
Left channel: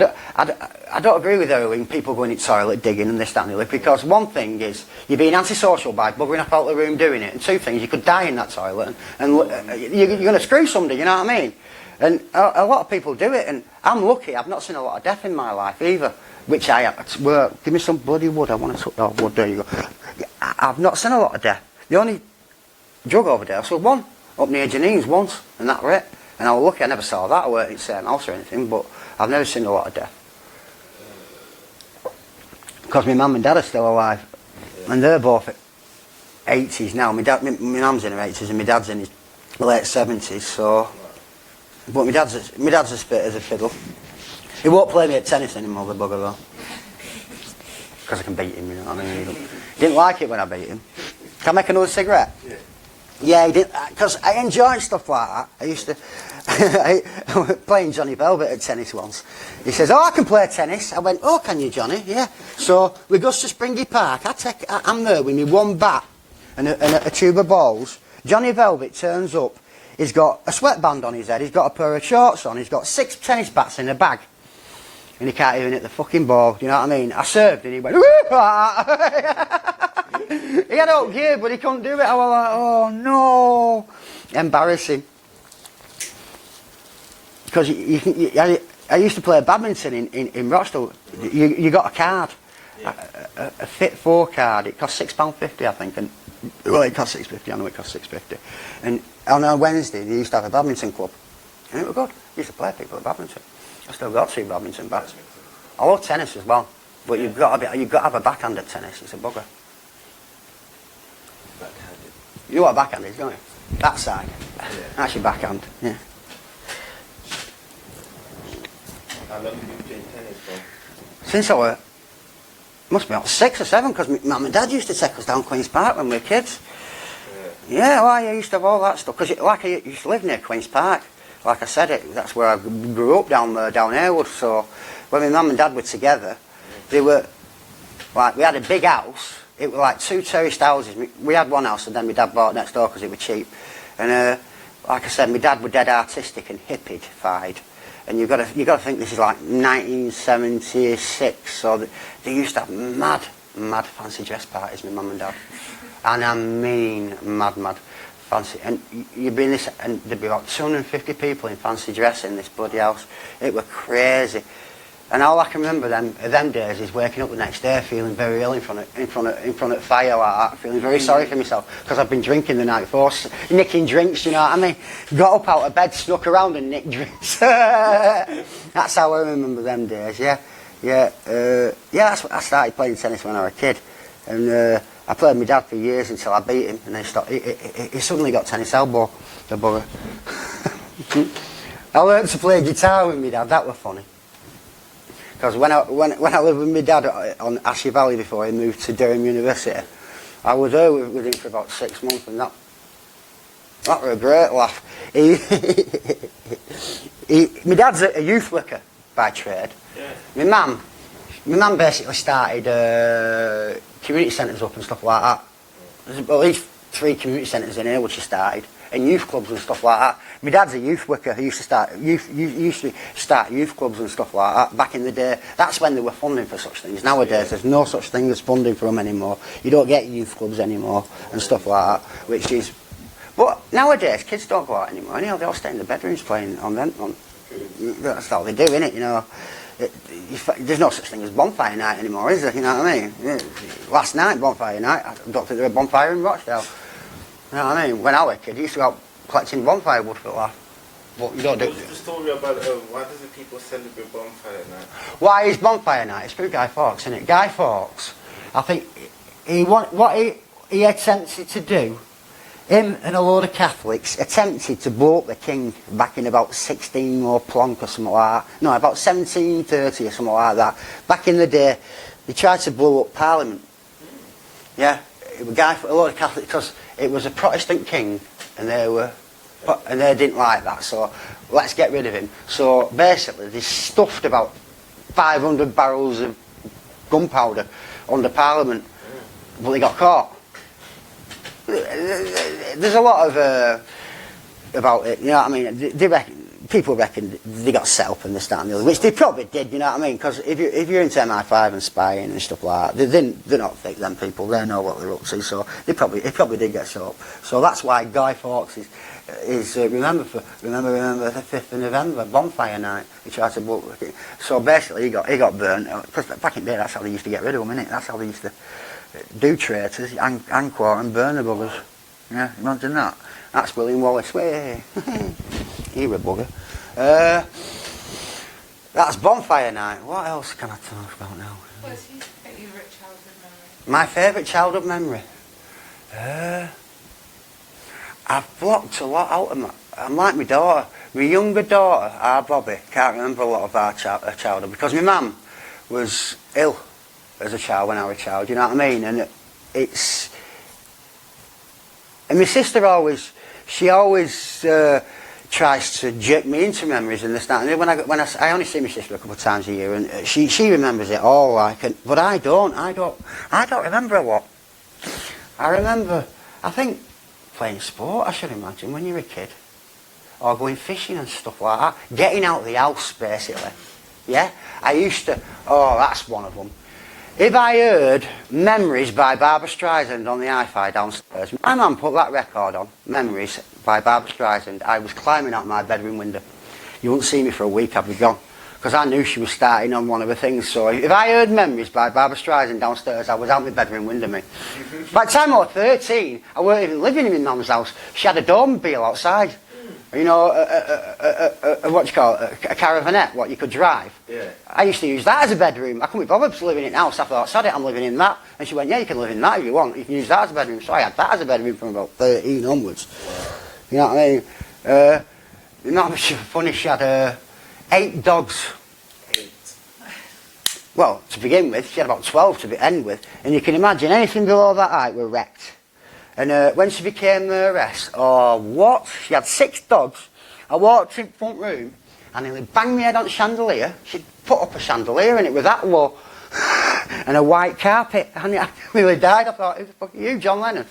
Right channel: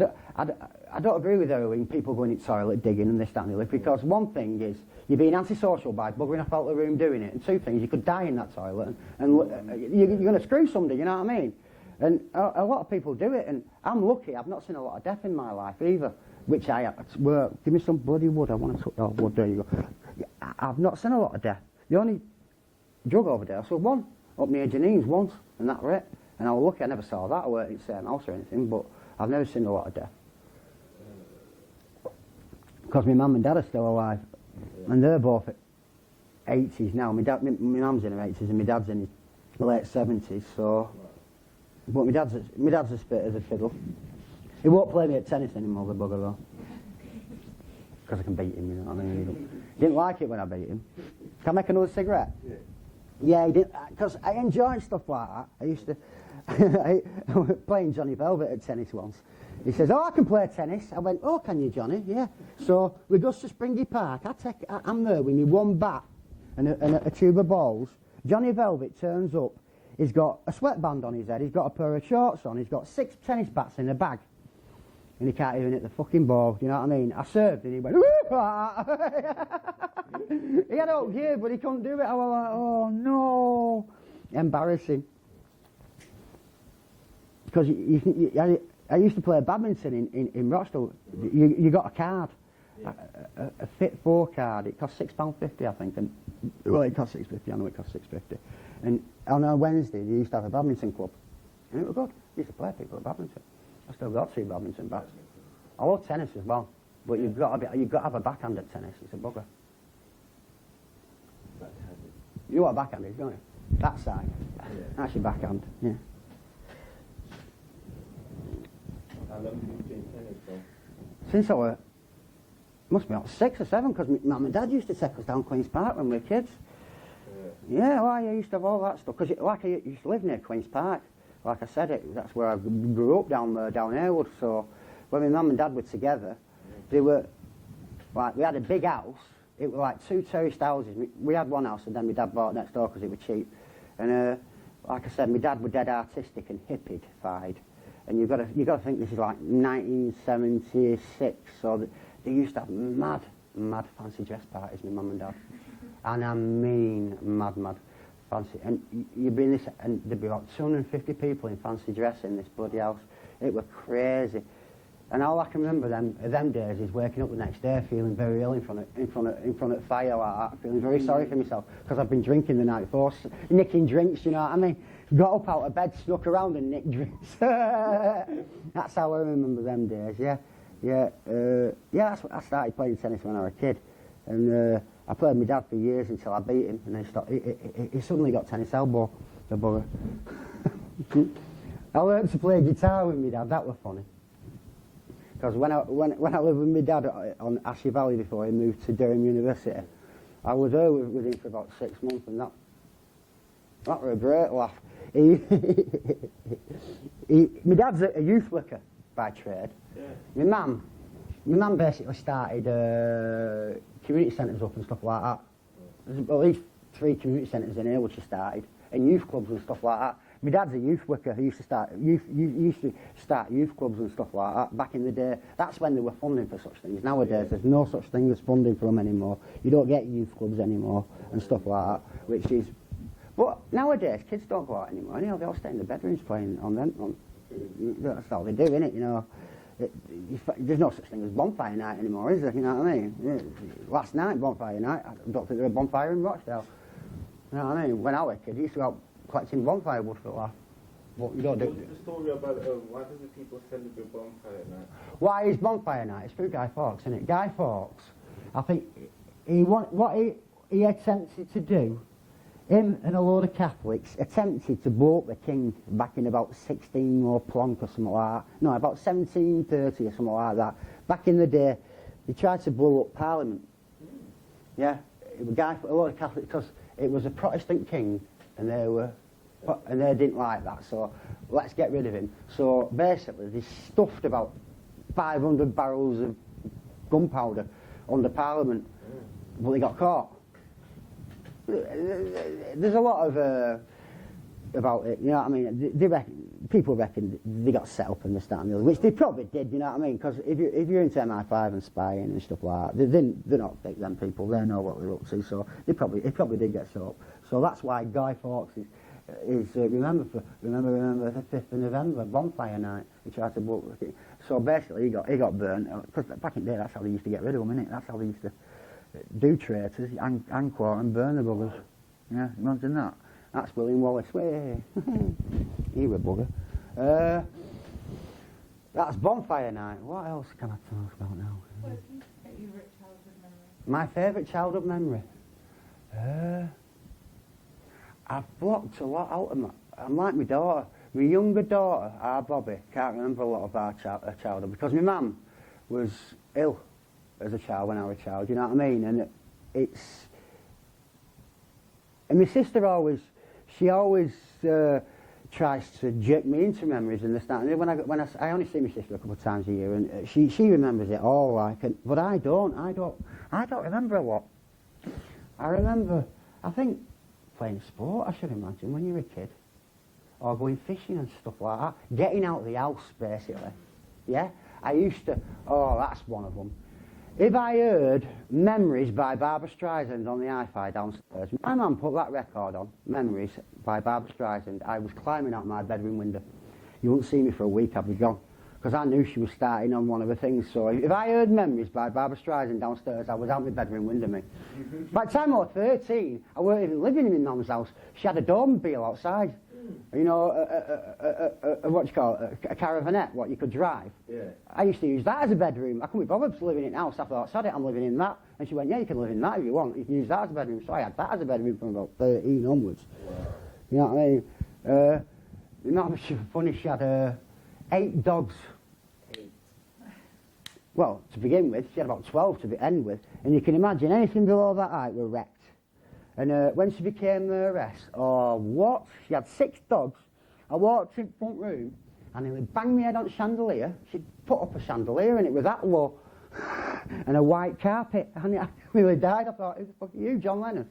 don't agree with heroin, people going in the toilet, digging and this, that and the other, because one thing is, you're being antisocial by buggering up out the room doing it, and 2 things, you could die in that toilet, and you're going to screw somebody, you know what I mean? And a lot of people do it, and I'm lucky, I've not seen a lot of death in my life either, which I have. Well, give me some bloody wood, I want to touch that wood, there you go. I've not seen a lot of death. The only drug overdose was one up near Janine's once, and that was it. And I was lucky I never saw that. I weren't in the same house or anything, but I've never seen a lot of death. Because my mum and dad are still alive, and they're both 80s now. My mum's in her 80s and my dad's in his late 70s. So, but my dad's as fit as a fiddle. He won't play me at tennis anymore, the bugger though, because I can beat him. You know what I mean? He didn't like it when I beat him. Can I make another cigarette? Yeah. Yeah, he did, because I enjoy stuff like that. I used to playing Johnny Velvet at tennis once. He says, "Oh, I can play tennis." I went, "Oh, can you, Johnny?" Yeah. So we go to Springy Park. I'm there with me 1 bat and a tube of balls. Johnny Velvet turns up. He's got a sweatband on his head. He's got a pair of shorts on. He's got 6 tennis bats in a bag. And he can't even hit the fucking ball. You know what I mean? I served and he went, he had up gear, but he couldn't do it. I was like, oh no. Embarrassing. Because I used to play badminton in Rochdale. You got a card, a Fit 4 card. It cost £6.50, I think. And well, it cost £6.50. I know it cost £6.50. And on a Wednesday, they used to have a badminton club, and it was good. I used to play people at badminton. I still got 2 badminton bats. I love tennis as well, but you've got to have a backhand at tennis. It's a bugger. Backhanded. You know what a backhand is, don't you? That side. Yeah. That's your backhand. Yeah. How long have you been playing tennis for? Since I was, must be about 6 or 7, because my mum and dad used to take us down Queen's Park when we were kids. Yeah, well, I used to have all that stuff, because I used to live near Queen's Park. Like I said, that's where I grew up, down Haywood. So when my mum and dad were together, they were like, we had a big house. It was like 2 terraced houses. We had one house, and then my dad bought next door because it was cheap. And like I said, my dad was dead artistic and hippied. And you got to think this is like 1976. So they used to have mad fancy dress parties, my mum and dad, and I mean mad fancy. And you'd be in this, and there'd be about 250 people in fancy dress in this bloody house. It was crazy. And all I can remember them days is waking up the next day feeling very ill in front of fire like that, feeling very sorry for myself because I've been drinking the night before, nicking drinks, you know what I mean? Got up out of bed, snuck around and nicked drinks. That's how I remember them days, yeah. That's what I started playing tennis when I was a kid. And I played with my dad for years until I beat him, and then he suddenly got tennis elbow, the bugger. I learned to play guitar with my dad, that was funny. Because when I lived with my dad on Ashley Valley before he moved to Durham University, I was there with him for about 6 months, and that was a great laugh. My dad's a youth worker by trade. Yeah. My mum basically started community centres up and stuff like that. There's at least 3 community centres in here which she started, and youth clubs and stuff like that. My dad's a youth worker. He used to start youth clubs and stuff like that back in the day. That's when they were funding for such things. Nowadays, there's no such thing as funding for them anymore. You don't get youth clubs anymore and stuff like that, which is... But nowadays, kids don't go out anymore. Anyhow, they all stay in the bedrooms playing on them. That's all they do, innit, you know. There's no such thing as bonfire night anymore, is there? You know what I mean? Last night, bonfire night, I don't think there was a bonfire in Rochdale. You know what I mean? When I was a kid, I used to go out collecting bonfire wood for a laugh. But you don't do... What's the story about why does the people celebrate bonfire night? Why is bonfire night? It's through Guy Fawkes, isn't it? Guy Fawkes, I think, what he attempted to do, him and a load of Catholics attempted to blow up the king back in about 16 or plonk or something like that. No, about 1730 or something like that. Back in the day, they tried to blow up Parliament. Yeah, it was a load of Catholics, because it was a Protestant king, and they didn't like that, so let's get rid of him. So basically, they stuffed about 500 barrels of gunpowder under Parliament, but they got caught. There's a lot of about it, you know what I mean? People reckon they got set up and this, that and the other, which they probably did, you know what I mean? Because if you're into MI5 and spying and stuff like that, they're not fake, them people, they know what they're up to, so it probably did get set up. So that's why Guy Fawkes is remember the 5th of November, bonfire night. He tried to blow up. So basically he got burnt, because back in the day that's how they used to get rid of them, innit? That's how they used to do traitors, and quarter and burn the buggers. Yeah, imagine that. That's William Wallace. Way. You're a bugger. That's bonfire night. What else can I talk about now? What's your favourite childhood memory? My favourite childhood memory? I've blocked a lot out of my... I'm like my daughter. My younger daughter, our Bobby, can't remember a lot of our childhood, because my mum was ill as a child when I was a child, you know what I mean? And it's... And my sister always... She always tries to jerk me into memories and this, that, and when I only see my sister a couple of times a year, and she remembers it all, like, but I don't remember a lot. I remember, I think, playing sport, I should imagine, when you're a kid, or going fishing and stuff like that, getting out of the house, basically. Yeah, I used to. Oh, that's one of them. If I heard Memories by Barbra Streisand on the hi-fi downstairs, my mum put that record on, Memories by Barbra Streisand, I was climbing out my bedroom window. You wouldn't see me for a week, I'd be gone. Because I knew she was starting on one of the things, so if I heard Memories by Barbra Streisand downstairs, I was out my bedroom window, me. By the time I was 13, I weren't even living in my mum's house. She had a automobile outside. You know, what do you call it, a caravanette, what you could drive. Yeah. I used to use that as a bedroom. I couldn't be bothered living in it now, so I thought, sod it, I'm living in that. And she went, yeah, you can live in that if you want. You can use that as a bedroom. So I had that as a bedroom from about 13 onwards. You know what I mean? Not much funny, she had 8 dogs. 8. Well, to begin with, she had about 12 to end with. And you can imagine anything below that height were wrecked. And when she became the rest, oh, what? She had 6 dogs. I walked in the front room and nearly banged my head on the chandelier. She'd put up a chandelier and it was that low. And a white carpet. And I nearly died. I thought, who the fuck are you, John Lennon?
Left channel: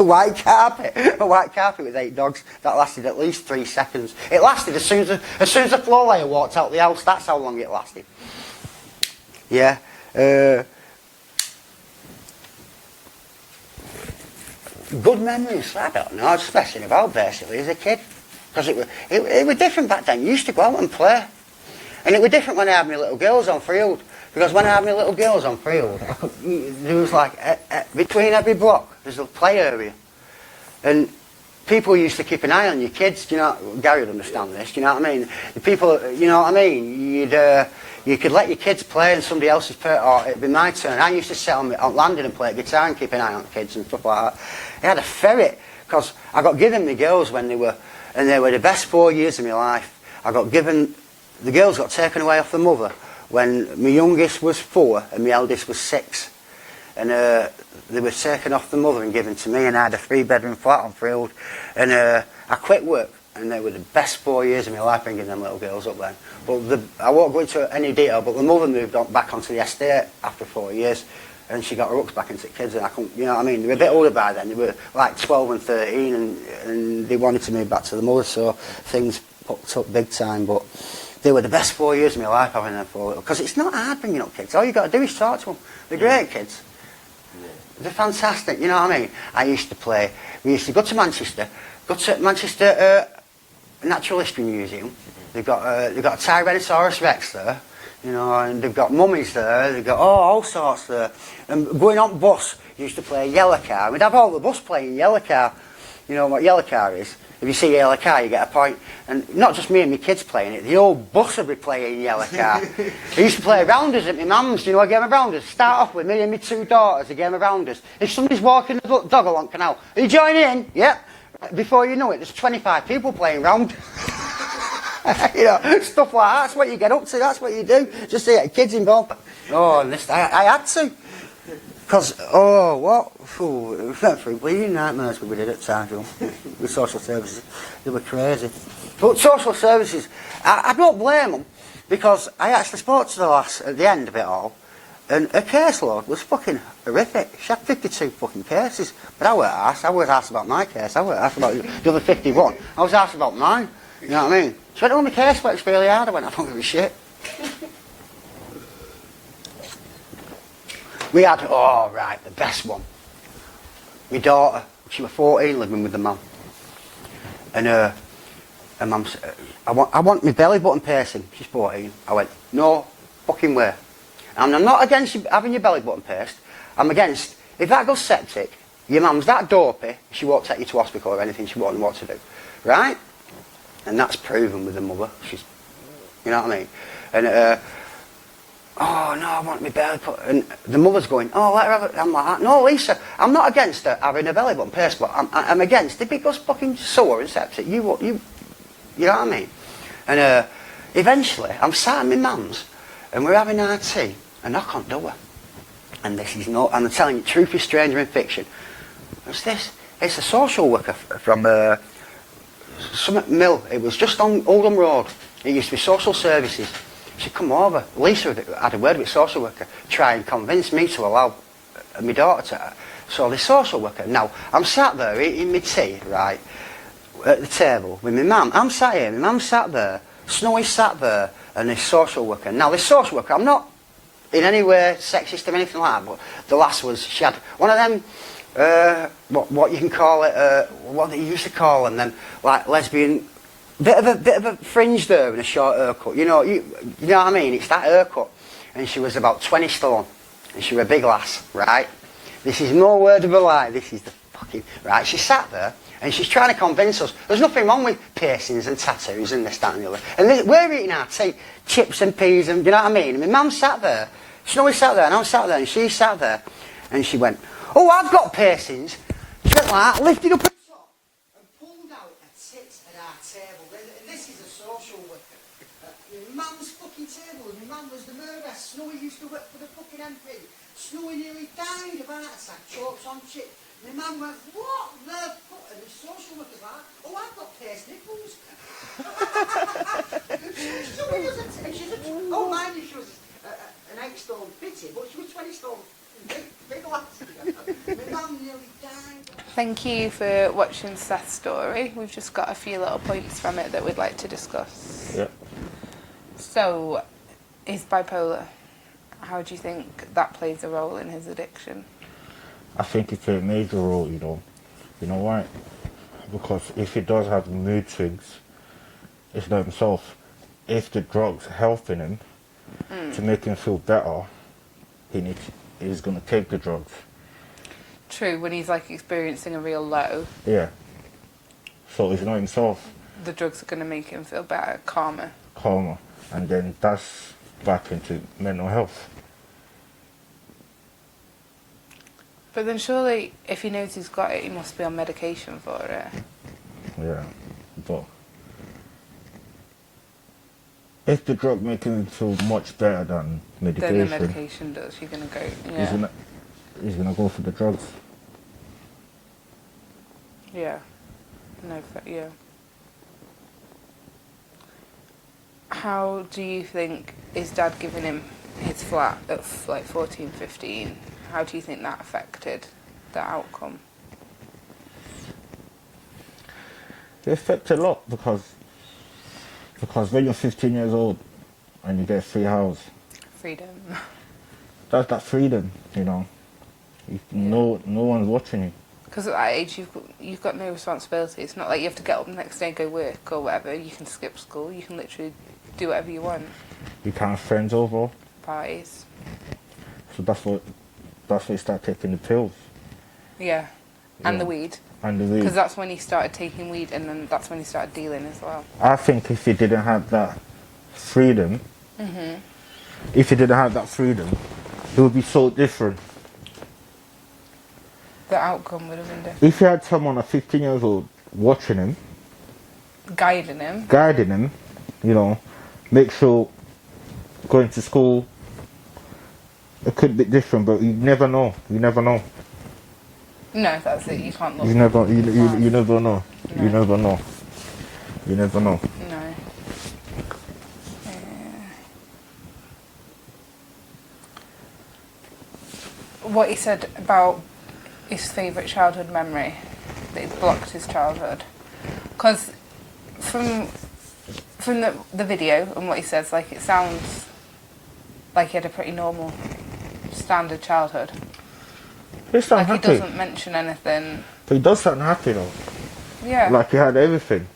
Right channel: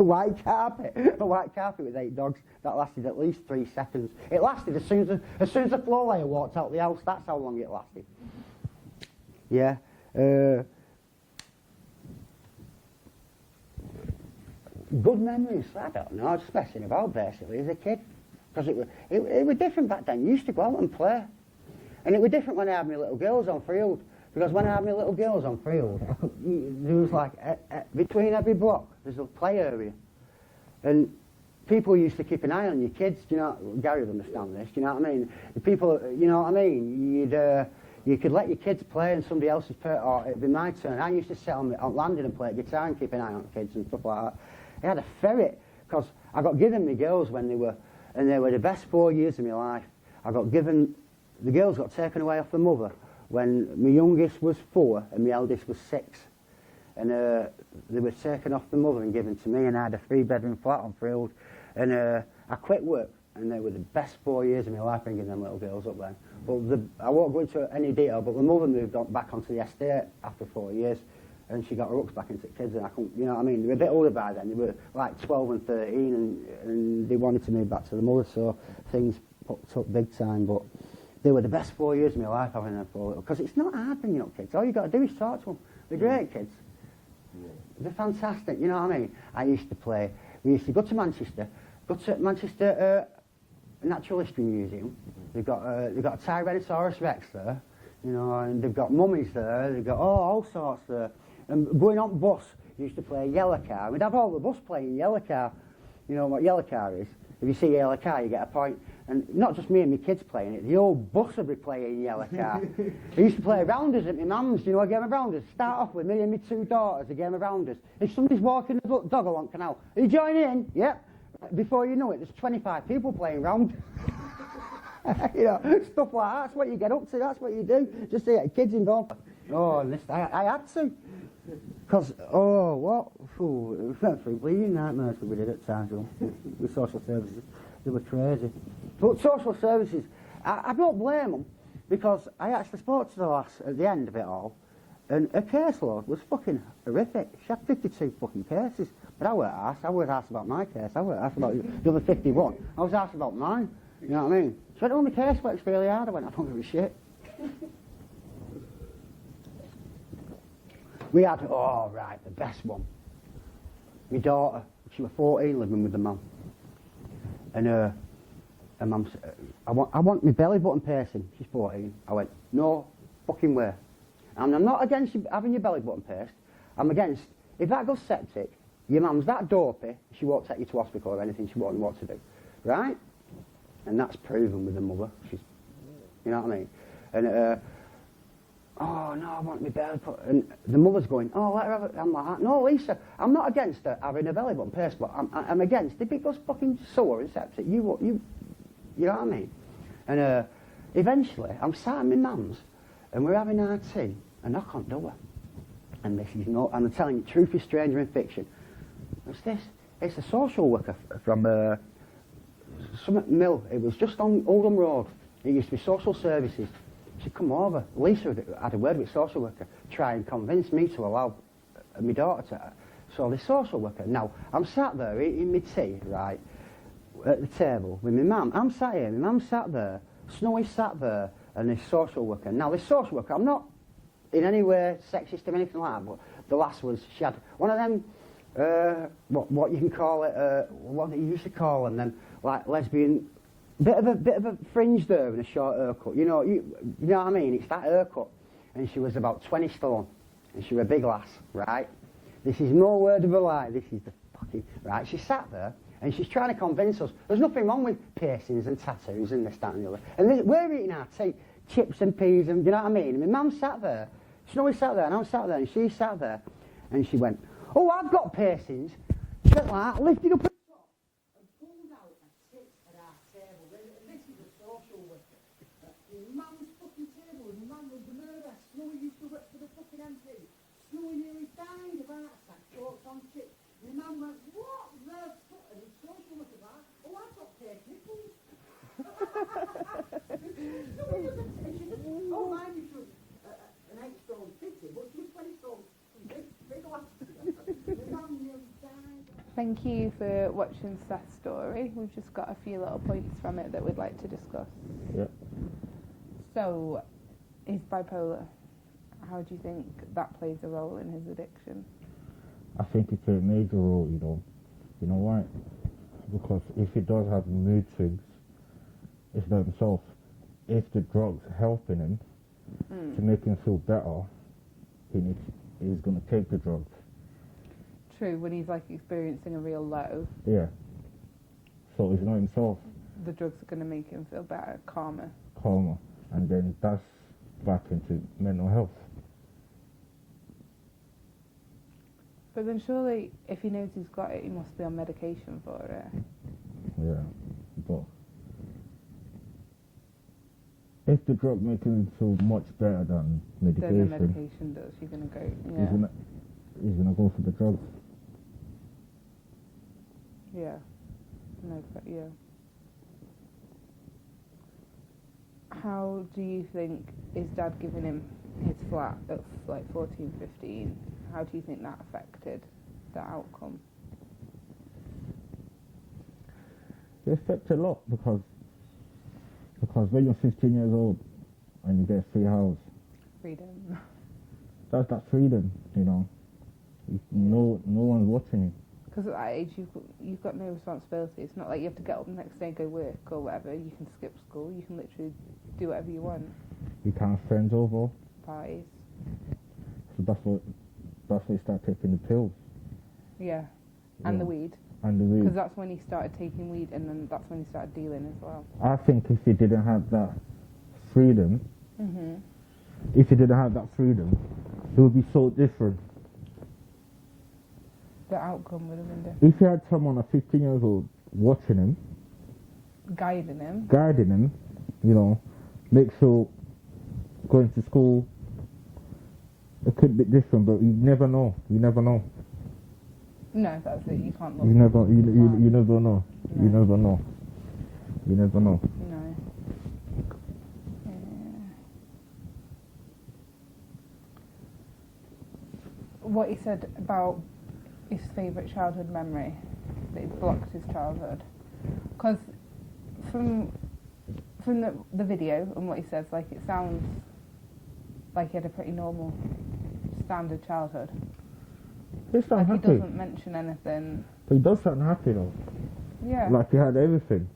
A white carpet. A white carpet with 8 dogs. That lasted at least 3 seconds. It lasted as soon as the floor layer walked out the house. That's how long it lasted. Yeah. Good memories, I don't know, I was messing about basically as a kid. Because it was different back then. You used to go out and play. And it was different when I had my little girls on field. Because when I had my little girls on field, there was like, between every block, there's a play area. And people used to keep an eye on your kids, do you know, Gary would understand this, do you know what I mean? The people, you know what I mean, you could let your kids play and somebody else's or it'd be my turn. I used to sit on landing and play guitar and keep an eye on kids and stuff like that. I had a ferret, because I got given my girls when they were the best 4 years of my life. The girls got taken away off the mother when my youngest was 4 and my eldest was 6. And they were taken off the mother and given to me, and I had a 3-bedroom flat on field. And I quit work, and they were the best 4 years of my life bringing them little girls up then. But I won't go into any detail, but the mother moved back onto the estate after 4 years, and she got her hooks back into the kids, and I couldn't, you know what I mean? They were a bit older by then. They were like 12 and 13, and they wanted to move back to the mother, so things popped up big time. But they were the best 4 years of my life having them 4 little, because it's not hard bringing up kids. All you got to do is talk to them. They're great kids. They're fantastic, you know what I mean? I used to play, we used to go to Manchester Natural History Museum. They've got a Tyrannosaurus Rex there, you know, and they've got mummies there, they've got all sorts there. And going on bus, used to play Yellow Car. We'd have all the bus playing Yellow Car. You know what Yellow Car is? If you see Yellow Car, you get a point. And not just me and my kids playing it, the old bus would be playing Yellow Car. I used to play rounders at my mum's. Do you know a game of rounders? Start off with me and my 2 daughters, a game of rounders. If somebody's walking the dog along canal, are you joining in? Yep. Before you know it, there's 25 people playing round. You know, stuff like that. That's what you get up to. That's what you do. Just to get kids involved. Oh, and this, I had to. Because, we went through bleeding nightmares we did at times with social services. They were crazy. But social services, I don't blame them, because I actually spoke to the lass at the end of it all, and her caseload was fucking horrific. She had 52 fucking cases. But I weren't asked. I was asked about my case. I weren't asked about the other 51. I was asked about mine. You know what I mean? She went, oh, my casework's really hard. I went, I don't give a shit. We had, the best one. My daughter, she was 14, living with the mum. And her mum said, I want my belly button piercing. She's 14. I went, no fucking way. And I'm not against you having your belly button pierced. I'm against, if that goes septic, your mum's that dopey, she won't take you to hospital or anything, she won't know what to do. Right? And that's proven with the mother. She's, you know what I mean? And, oh, no, I want my belly put... And the mother's going, oh, let her have it. I'm like, no, Lisa, I'm not against her having a belly button pierced, but I'm against if it goes fucking sore and septic. You know what I mean? And eventually, I'm sat in my mum's, and we're having our tea, and knock on door. And this is not... And I'm telling you, truth is stranger in fiction. What's this? It's a social worker from Summit Mill. It was just on Oldham Road. It used to be social services. She come over. Lisa had a word with social worker, try and convince me to allow my daughter to. So the social worker. Now I'm sat there eating my tea, right, at the table with my mum. I'm sat here. My mum sat there. Snowy sat there, and this social worker. Now this social worker, I'm not in any way sexist or anything like that, but the last was she had one of them. What you can call it? What they used to call them, like lesbian. Bit of a fringe there and a short haircut. You know what I mean? It's that haircut. And she was about 20 stone. And she was a big lass, right? This is no word of a lie. This is the fucking... Right, she sat there and she's trying to convince us there's nothing wrong with piercings and tattoos and this, that and the other. And we're eating our tea, chips and peas and, you know what I mean? And my mum sat there. Snowy sat there and I sat there and she sat there. And she went, oh, I've got piercings. She went like that, lifted up her top and pulled out a tit at our table. This is a social worker. My mum's fucking table, and my mum was the murderer. Snowy used to work for the fucking MP. Snowy nearly died of heart attack, chokes on chip. My mum went, what the fuck? And the social worker's like, oh, I've got pierced nipples. And she's oh, mind you, she was an 8-stone fitty, but she was 20 stone. Big lass. My mum nearly died. Thank you for watching Seth's story. We've just got a few little points from it that we'd like to discuss. Yeah. So, he's bipolar. How do you think that plays a role in his addiction? I think it's a major role, you know. You know why? Because if he does have mood swings, it's not himself. if the drug's helping him to make him feel better, he's going to take the drugs. True, when he's like experiencing a real low, Yeah. So he's not himself. the drugs are going to make him feel better, calmer. Calmer. And then that's back into mental health. But then surely, if he knows he's got it, he must be on medication for it. Yeah. But if the drug making him feel much better than medication, Then the medication does. You're going to go, yeah. he's gonna go for the drugs. Yeah. No, yeah. How do you think his dad giving him his flat at like 14, 15, how do you think that affected the outcome? It affects a lot because when you're 15 years old and you get free house, Freedom. that's that freedom, you know. No one's watching you. Because at that age, you've got no responsibility. It's not like you have to get up the next day and go work or whatever. You can skip school. You can literally do whatever you want. You can't have friends over. Parties. So that's what you start taking the pills. Yeah. And Yeah. the weed. And the weed. Because that's when he started taking weed, and then that's when he started dealing as well. I think if he didn't have that freedom, Mhm. it would be so different. The outcome would have been different. If he had someone at 15 years old watching him, Guiding him. guiding him, you know, make sure going to school, it could be different, but you never know. You never know. No, that's it. You can't look. You never know. You never know. No. You never know. You never know. No. What he said about his favourite childhood memory, that it blocked his childhood. Because from the video and what he says, like, it sounds like he had a pretty normal, standard childhood. He sounds Like, happy. he doesn't mention anything. But he does sound happy though. Yeah. Like he had everything.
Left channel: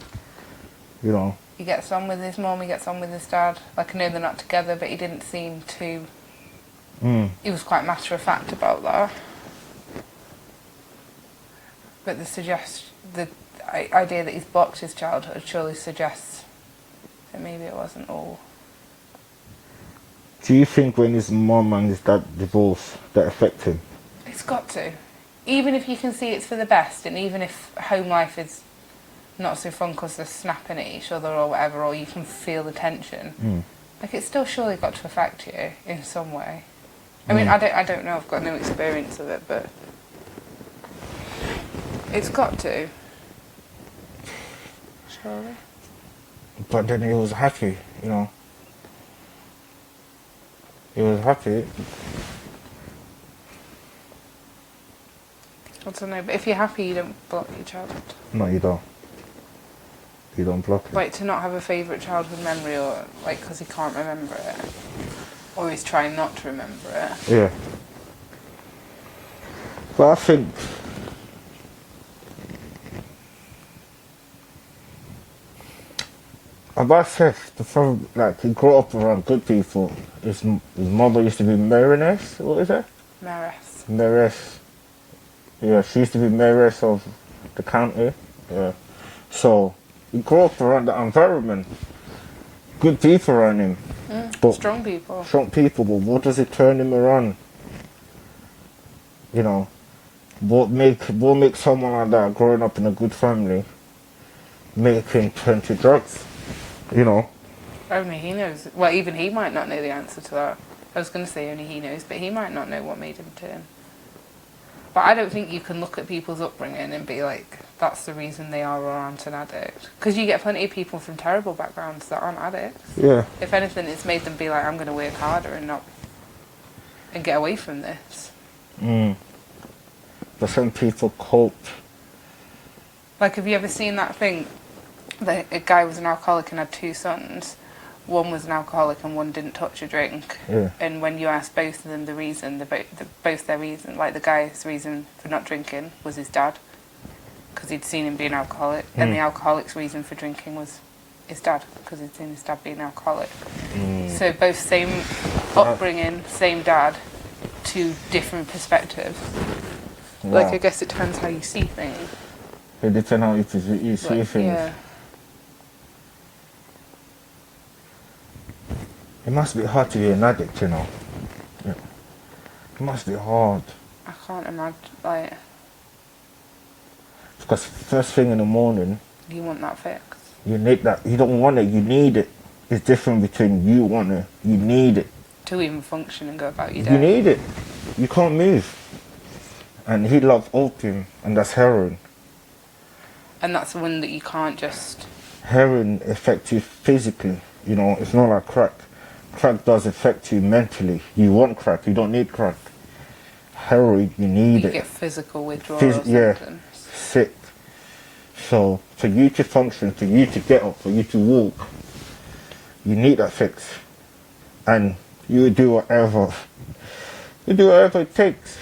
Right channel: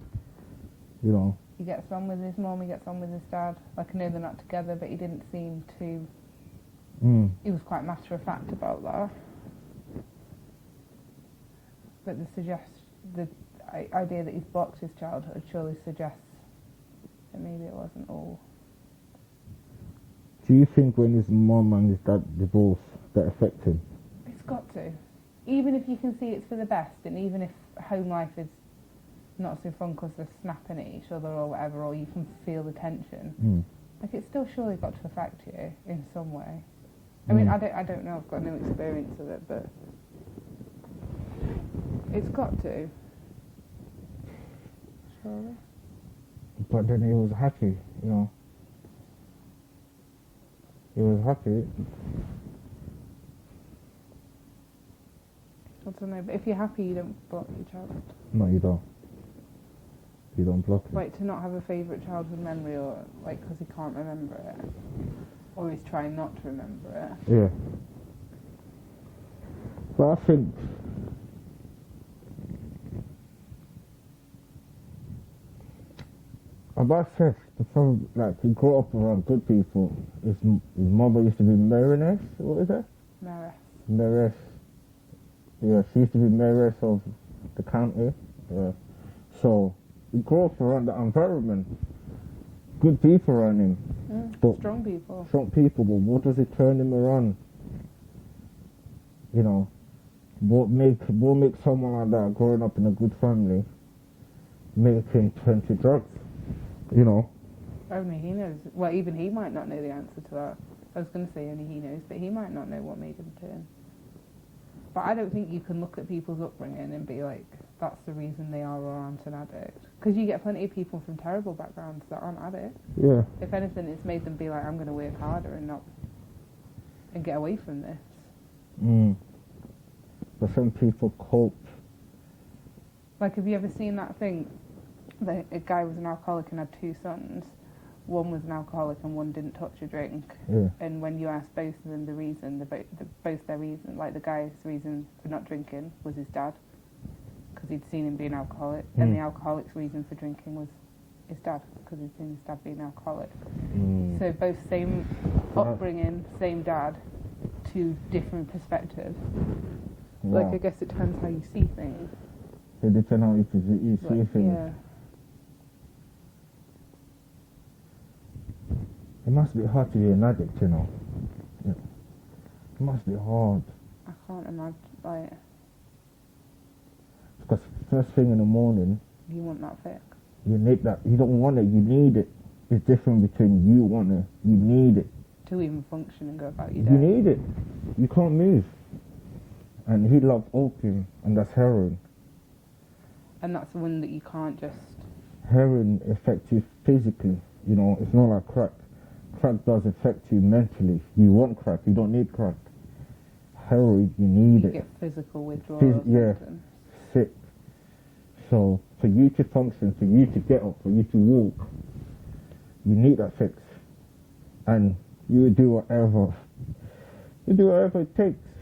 You know. He gets on with his mum, he gets on with his dad. Like, I know they're not together, but he didn't seem to... He was quite matter-of-fact about that. But the idea that he's blocked his childhood surely suggests that maybe it wasn't all... Do you think when his mum and his dad divorced, that affect him? It's got to. Even if you can see it's for the best, and even if home life is not so fun because they're snapping at each other or whatever, or you can feel the tension, like, it's still surely got to affect you in some way. I mean, I don't know, I've got no experience of it, but it's got to. Surely. But then he was happy, you know. He was happy. I don't know, but if you're happy, you don't block your childhood. No, you don't. You don't block it. Like, to not have a favourite childhood memory, or like because he can't remember it, or he's trying not to remember it. Yeah. But I think about Seth, the problem, like, he grew up around good people. His mother used to be mayoress. What is it? Maris. Mayoress. Yeah, she used to be mayoress of the county. Yeah. So he grew up around that environment. Good people around him. But Strong people. strong people, but what does it turn him around? You know, what make someone like that growing up in a good family make him turn to drugs? You know. Only he knows. Well, even he might not know the answer to that. I was going to say only he knows, but he might not know what made him turn. But I don't think you can look at people's upbringing and be like, that's the reason they are or aren't an addict. Because you get plenty of people from terrible backgrounds that aren't addicts. Yeah. If anything, it's made them be like, I'm going to work harder and get away from this. But some people cope. Like, have you ever seen that thing? A guy was an alcoholic and had two sons. One was an alcoholic and one didn't touch a drink. Yeah. And when you ask both of them the reason, both their reason, like the guy's reason for not drinking was his dad, because he'd seen him be an alcoholic, and the alcoholic's reason for drinking was his dad, because he'd seen his dad being alcoholic. So both same upbringing, same dad, two different perspectives. Like, I guess it depends how you see things. It depends how you see things. Yeah. It must be hard to be an addict, you know. Yeah. It must be hard. I can't imagine, like... Because first thing in the morning, You want that fix. you need that. You don't want it, you need it. It's different between you want it, you need it. To even function and go about your day. You need it. You can't move. And he loved opium, and that's heroin. And that's the one that you can't just... Heroin affects you physically, you know, it's not like crack. Crack does affect you mentally. You want crack, you don't need crack. Heroin, you need You it. get physical withdrawal Yeah, symptoms. sick. So, for you to function, for you to get up, for you to walk, you need that fix. And you do whatever. You do whatever it takes.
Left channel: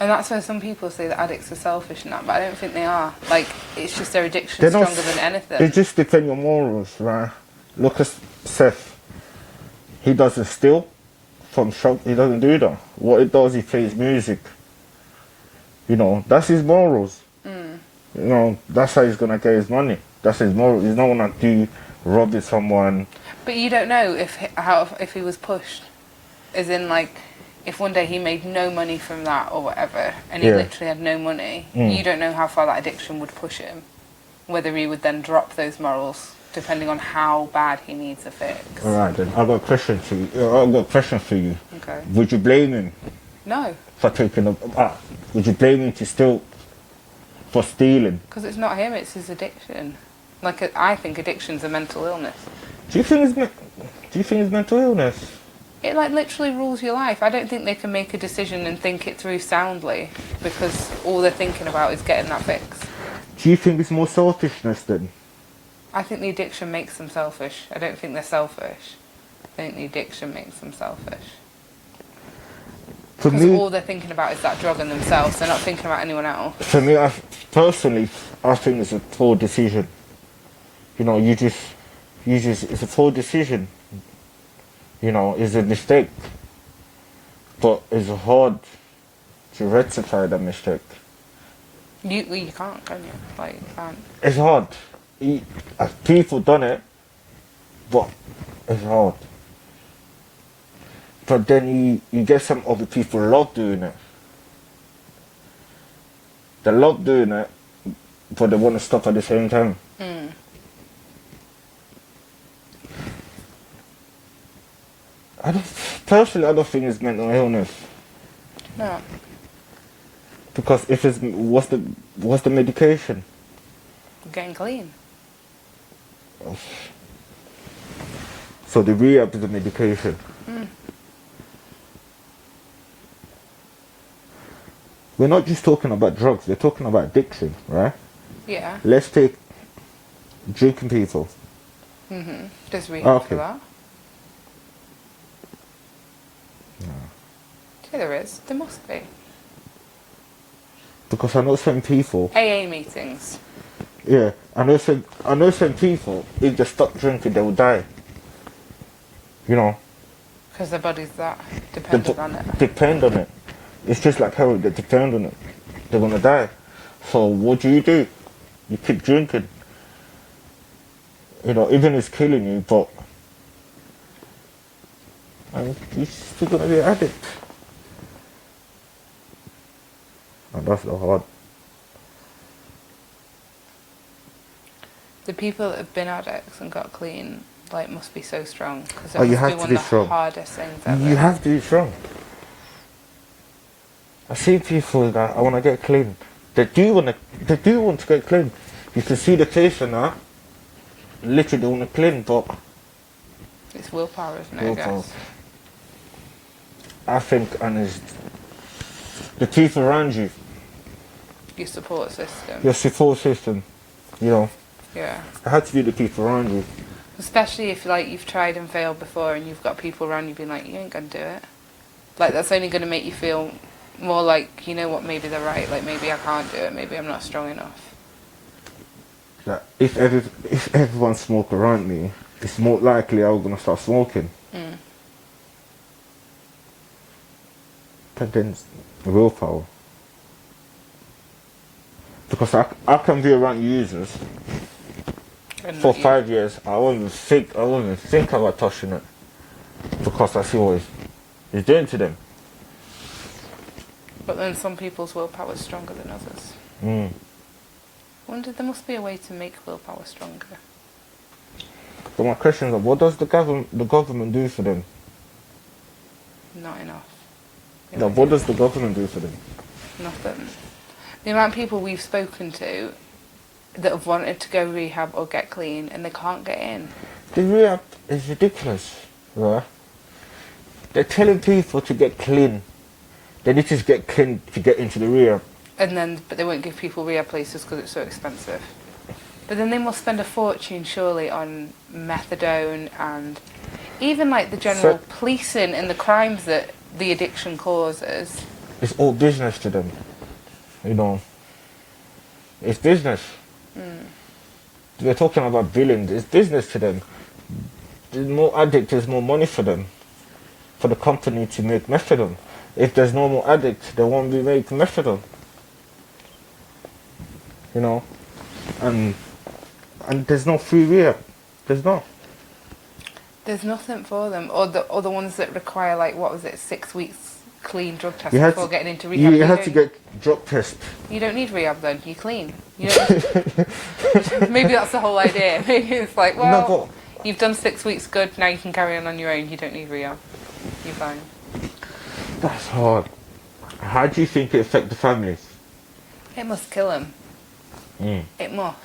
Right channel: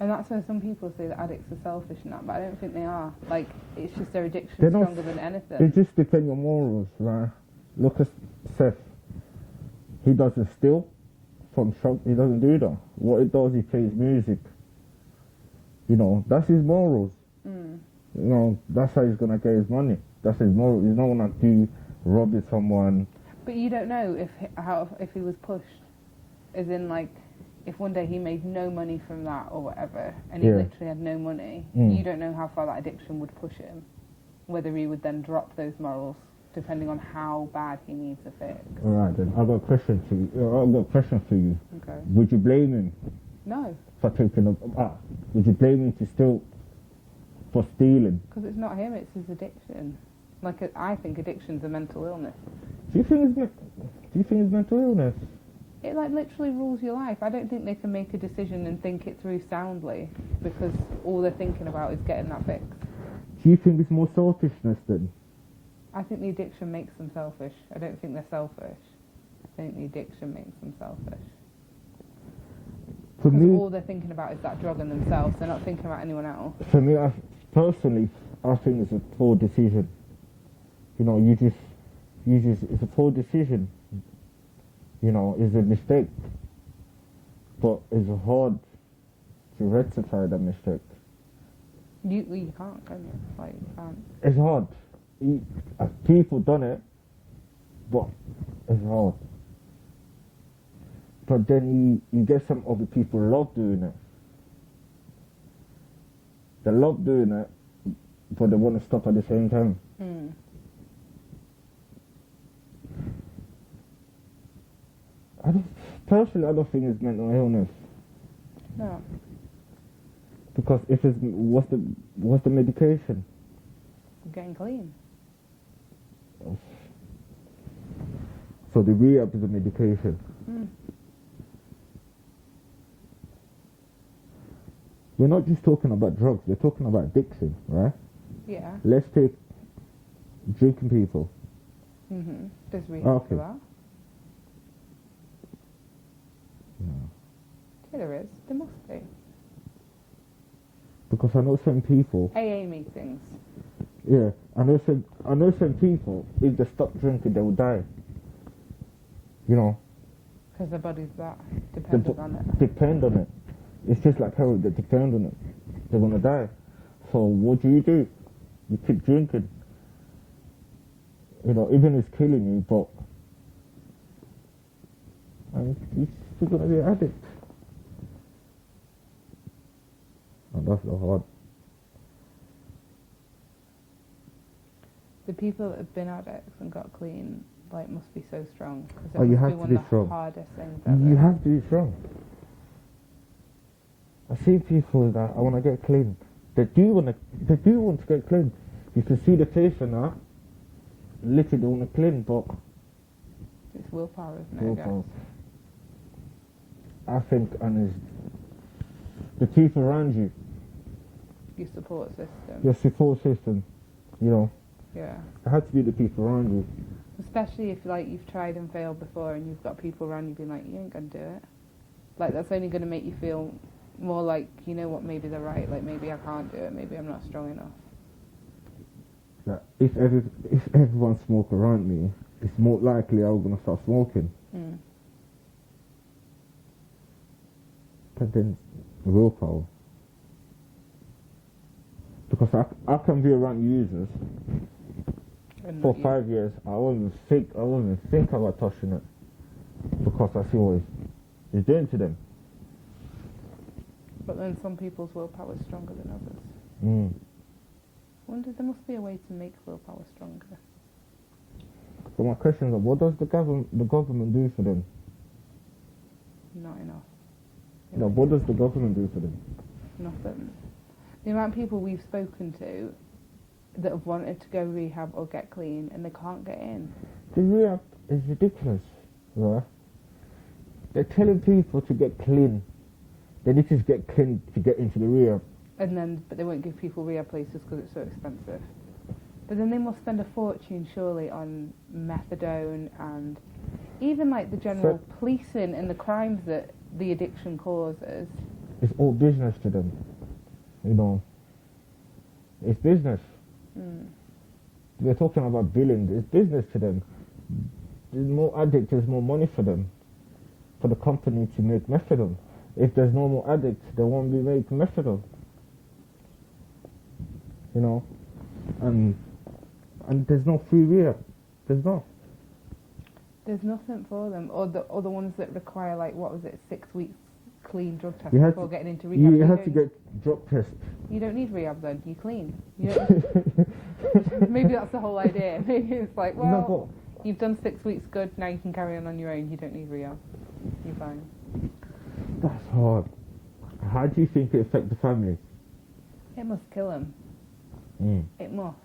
And that's where some people say that addicts are selfish and that, but I don't think they are. Like, it's just their addiction They're not- stronger than anything. It just depends on morals, right? Look at Seth. He doesn't steal from shop. He doesn't do that. What he does, he plays music. You know, that's his morals. You know, that's how he's gonna get his money. That's his moral. He's not gonna do robbing someone. But you don't know if he was pushed. As in, like, if one day he made no money from that or whatever, and he Yeah. literally had no money, you don't know how far that addiction would push him. Whether he would then drop those morals, depending on how bad he needs a fix. All right, then. I've got a question for you. I've got a question for you. Okay. Would you blame him No, for taking would you blame him for stealing? because it's not him, it's his addiction. Like, I think addiction's a mental illness. Do you think it's mental illness? It, like, literally rules your life. I don't think they can make a decision and think it through soundly, because all they're thinking about is getting that fix. Do you think it's more selfishness then? I think the addiction makes them selfish. I don't think they're selfish. I think the addiction makes them selfish. For Because me, all they're thinking about is that drug and themselves. They're not thinking about anyone else. For me, personally, I think it's a poor decision. You know, it's a poor decision. You know, it's a mistake. But it's hard to rectify that mistake. You can't, can you? Like, you can't. It's hard. People done it, but it's hard. But then you get some other people love doing it. They love doing it, but they want to stop at the same time. I don't think it's mental illness. No. Because if it's what's the medication? Getting clean. So the rehab is the medication. We're not just talking about drugs, we're talking about addiction, right? Yeah. Let's take drinking people. There's rehab for Okay. that. Yeah, there is. There must be. Because I know some people, AA meetings. yeah, I know some people, if they stop drinking, they will die. You know, Because their body's that they dependent on it. depend on it. It's just like heroin, they depend on it. They're gonna die. So what do? You keep drinking. You know, even if it's killing you, but you're still gonna be an addict. And that's the hard. The people that have been addicts and got clean, like, must be so strong. Because Oh, you must have be to one be of the strong. hardest things ever. You have to be strong. I see people that I want to get clean. They do want to get clean. You can see the face in that. Literally, they want to clean, but It's willpower, isn't it, Willpower. I guess? I think, and it's the people around you, Your support system. your support system. You know, Yeah. it had to be the people around you. Especially if, like, you've tried and failed before and you've got people around you being like, you ain't gonna do it. Like, that's only gonna make you feel more like, you know what, maybe they're right. Like, maybe I can't do it. Maybe I'm not strong enough. that if everyone smoke around me, it's more likely I'm gonna start smoking. But then willpower. Because I can be around users And for not you. 5 years. I won't even think about touching it. Because I see what it's doing to them. But then some people's willpower is stronger than others. Mm. I wonder, there must be a way to make willpower stronger. But my question is, what does the government do for them? Not enough. No, what does the government do for them? Nothing. The amount of people we've spoken to that have wanted to go rehab or get clean and they can't get in. The rehab is ridiculous, right? They're telling people to get clean. They need to just get clean to get into the rehab. But they won't give people rehab places because it's so expensive. But then they must spend a fortune surely on methadone and even like the general policing and the crimes that the addiction causes. It's all business to them, you know. It's business. We're talking about billions. It's business to them. There's more addicts, there's more money for them, for the company to make methadone. If there's no more addicts, they won't be making methadone. You know, and there's no free rehab. There's not. There's nothing for them. Or the ones that require, like, what was it, 6 weeks clean drug test You had before to- getting into rehab. You have to get drug test. You don't need rehab then, you're clean. You don't, maybe that's the whole idea. Maybe it's like, well, you've done 6 weeks good, now you can carry on your own, you don't need rehab. You're fine. That's hard. How do you think it affect the families? It must kill them. It must.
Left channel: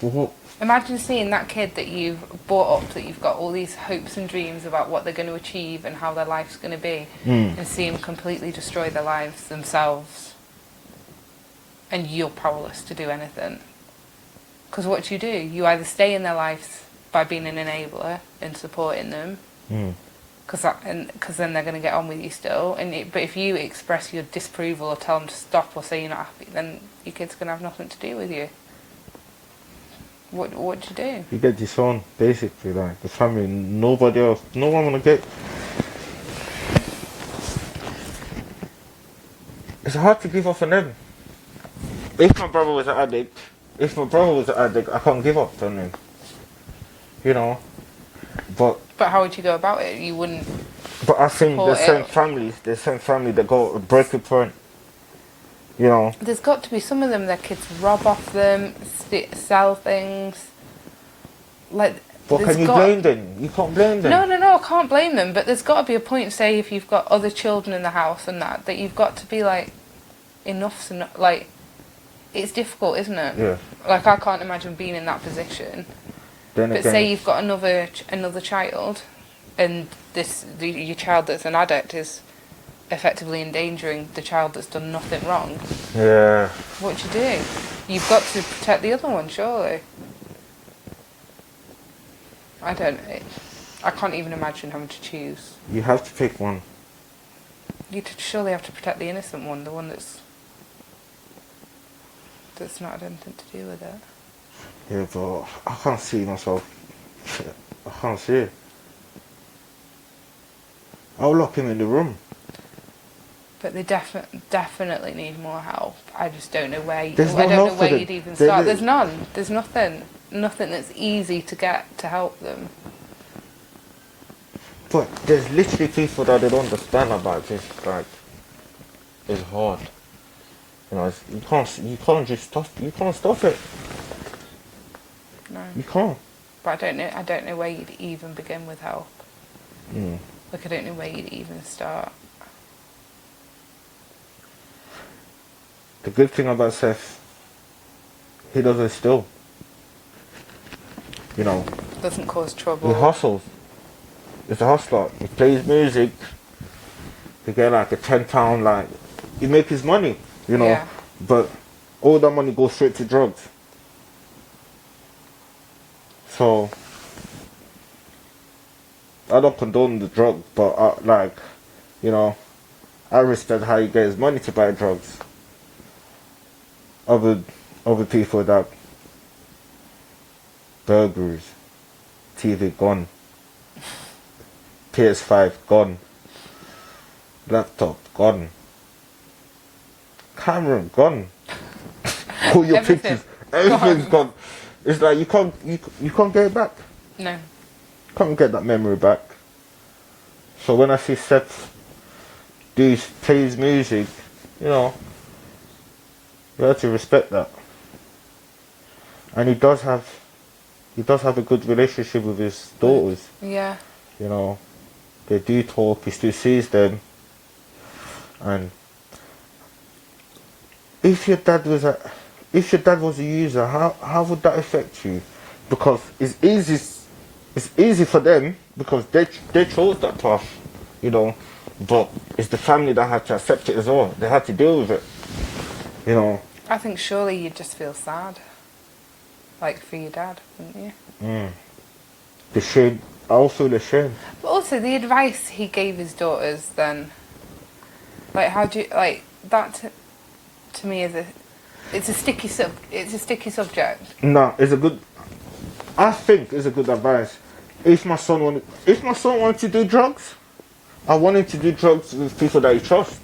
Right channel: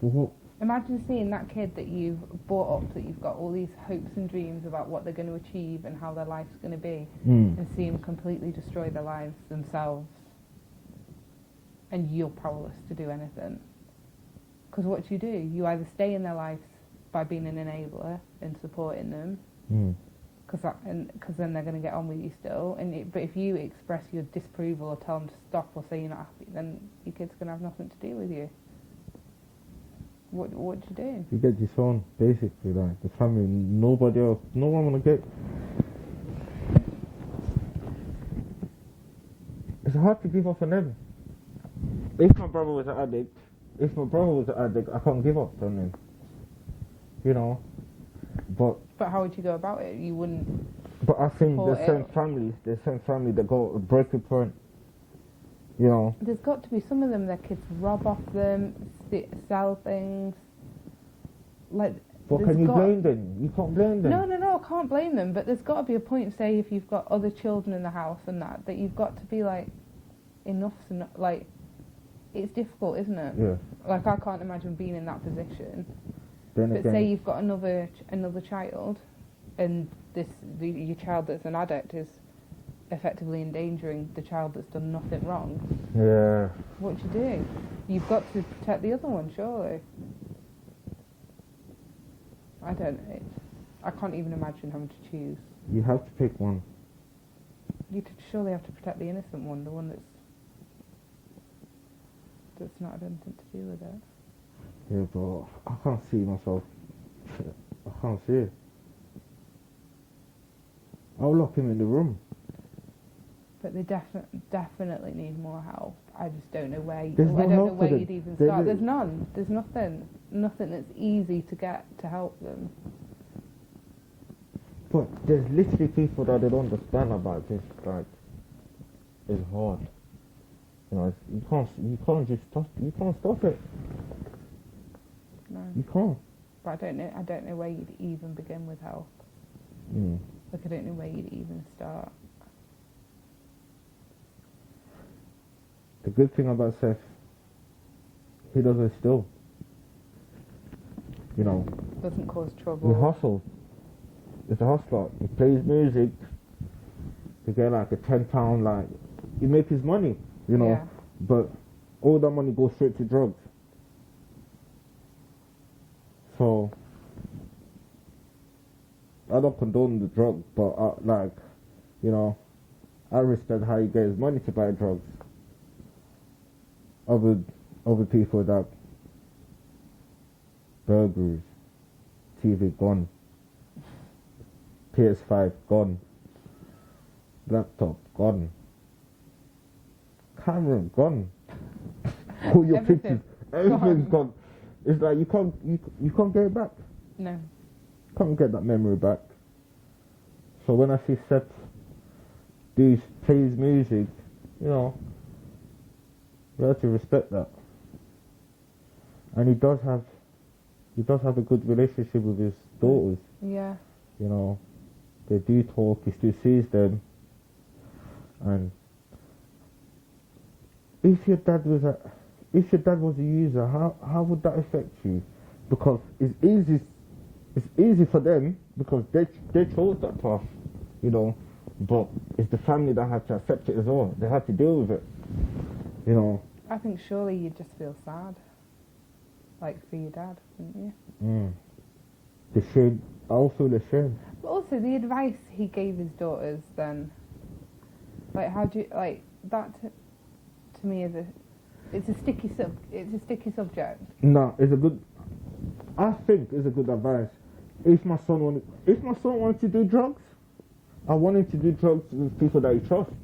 Well, Imagine seeing that kid that you've brought up, that you've got all these hopes and dreams about what they're going to achieve and how their life's going to be, and see them completely destroy their lives themselves. And you're powerless to do anything. Because what do? You either stay in their lives by being an enabler and supporting them, because then they're going to get on with you still. But if you express your disapproval or tell them to stop or say you're not happy, then your kid's going to have nothing to do with you. What do you do? you get disowned, basically, like the family, nobody else, no one wanna get. It's hard to give up on them. If my brother was an addict, I can't give up on him. You know, but But how would you go about it? You wouldn't. I think Or there's certain family that go a breaking point. You know, There's got to be some of them. Their kids rob off them, sell things. Like. but there's can you got- blame them? You can't blame them. No, I can't blame them. But there's got to be a point, say, if you've got other children in the house and that you've got to be like, enough's enough. Like, it's difficult, isn't it? Yeah. Like, I can't imagine being in that position. Then But again, say you've got another child, and your child that's an addict is effectively endangering the child that's done nothing wrong. yeah. What do? You've got to protect the other one, surely. I can't even imagine having to choose. You have to pick one. You'd surely have to protect the innocent one, the one that's not had anything to do with it. Yeah, but I can't see myself. I can't see it. I'll lock him in the room. But they definitely need more help. I just don't know where. There's no I don't help know for where them. you'd even There- start. there- There's none. There's nothing that's easy to get to help them. But there's literally people that they don't understand about this. Like, it's hard. You know, you can't just stop. You can't stop it. No. You can't. But I don't know where you'd even begin with help. Mm. Like, I don't know where you'd even start. The good thing about Seth, he doesn't steal. You know, Doesn't cause he trouble. hustles. He's a hustler. He plays music. He get like a £10, like, he make his money, you know. Yeah. But all that money goes straight to drugs. So, I don't condone the drug, but like, you know, I respect how he gets money to buy drugs. Other people that burglaries, TV gone, PS5 gone, laptop gone, camera gone, all your Everything pictures, everything's gone. It's like you can't get it back. No. Can't get that memory back. So when I see Seth play his music, you know, you have to respect that. And he does have a good relationship with his daughters. Yeah. You know, they do talk. He still sees them. And if your dad was a user, how would that affect you? Because it's easy for them because they chose that path, you know. But it's the family that had to accept it as well. They had to deal with it, you know. I think surely you'd just feel sad. Like for your dad, wouldn't you? The shame. I'll feel ashamed. But also the advice he gave his daughters then, like how do you, like that to me it's a sticky subject. No, I think it's a good advice. If my son wanted to do drugs, I want him to do drugs with people that he trusts.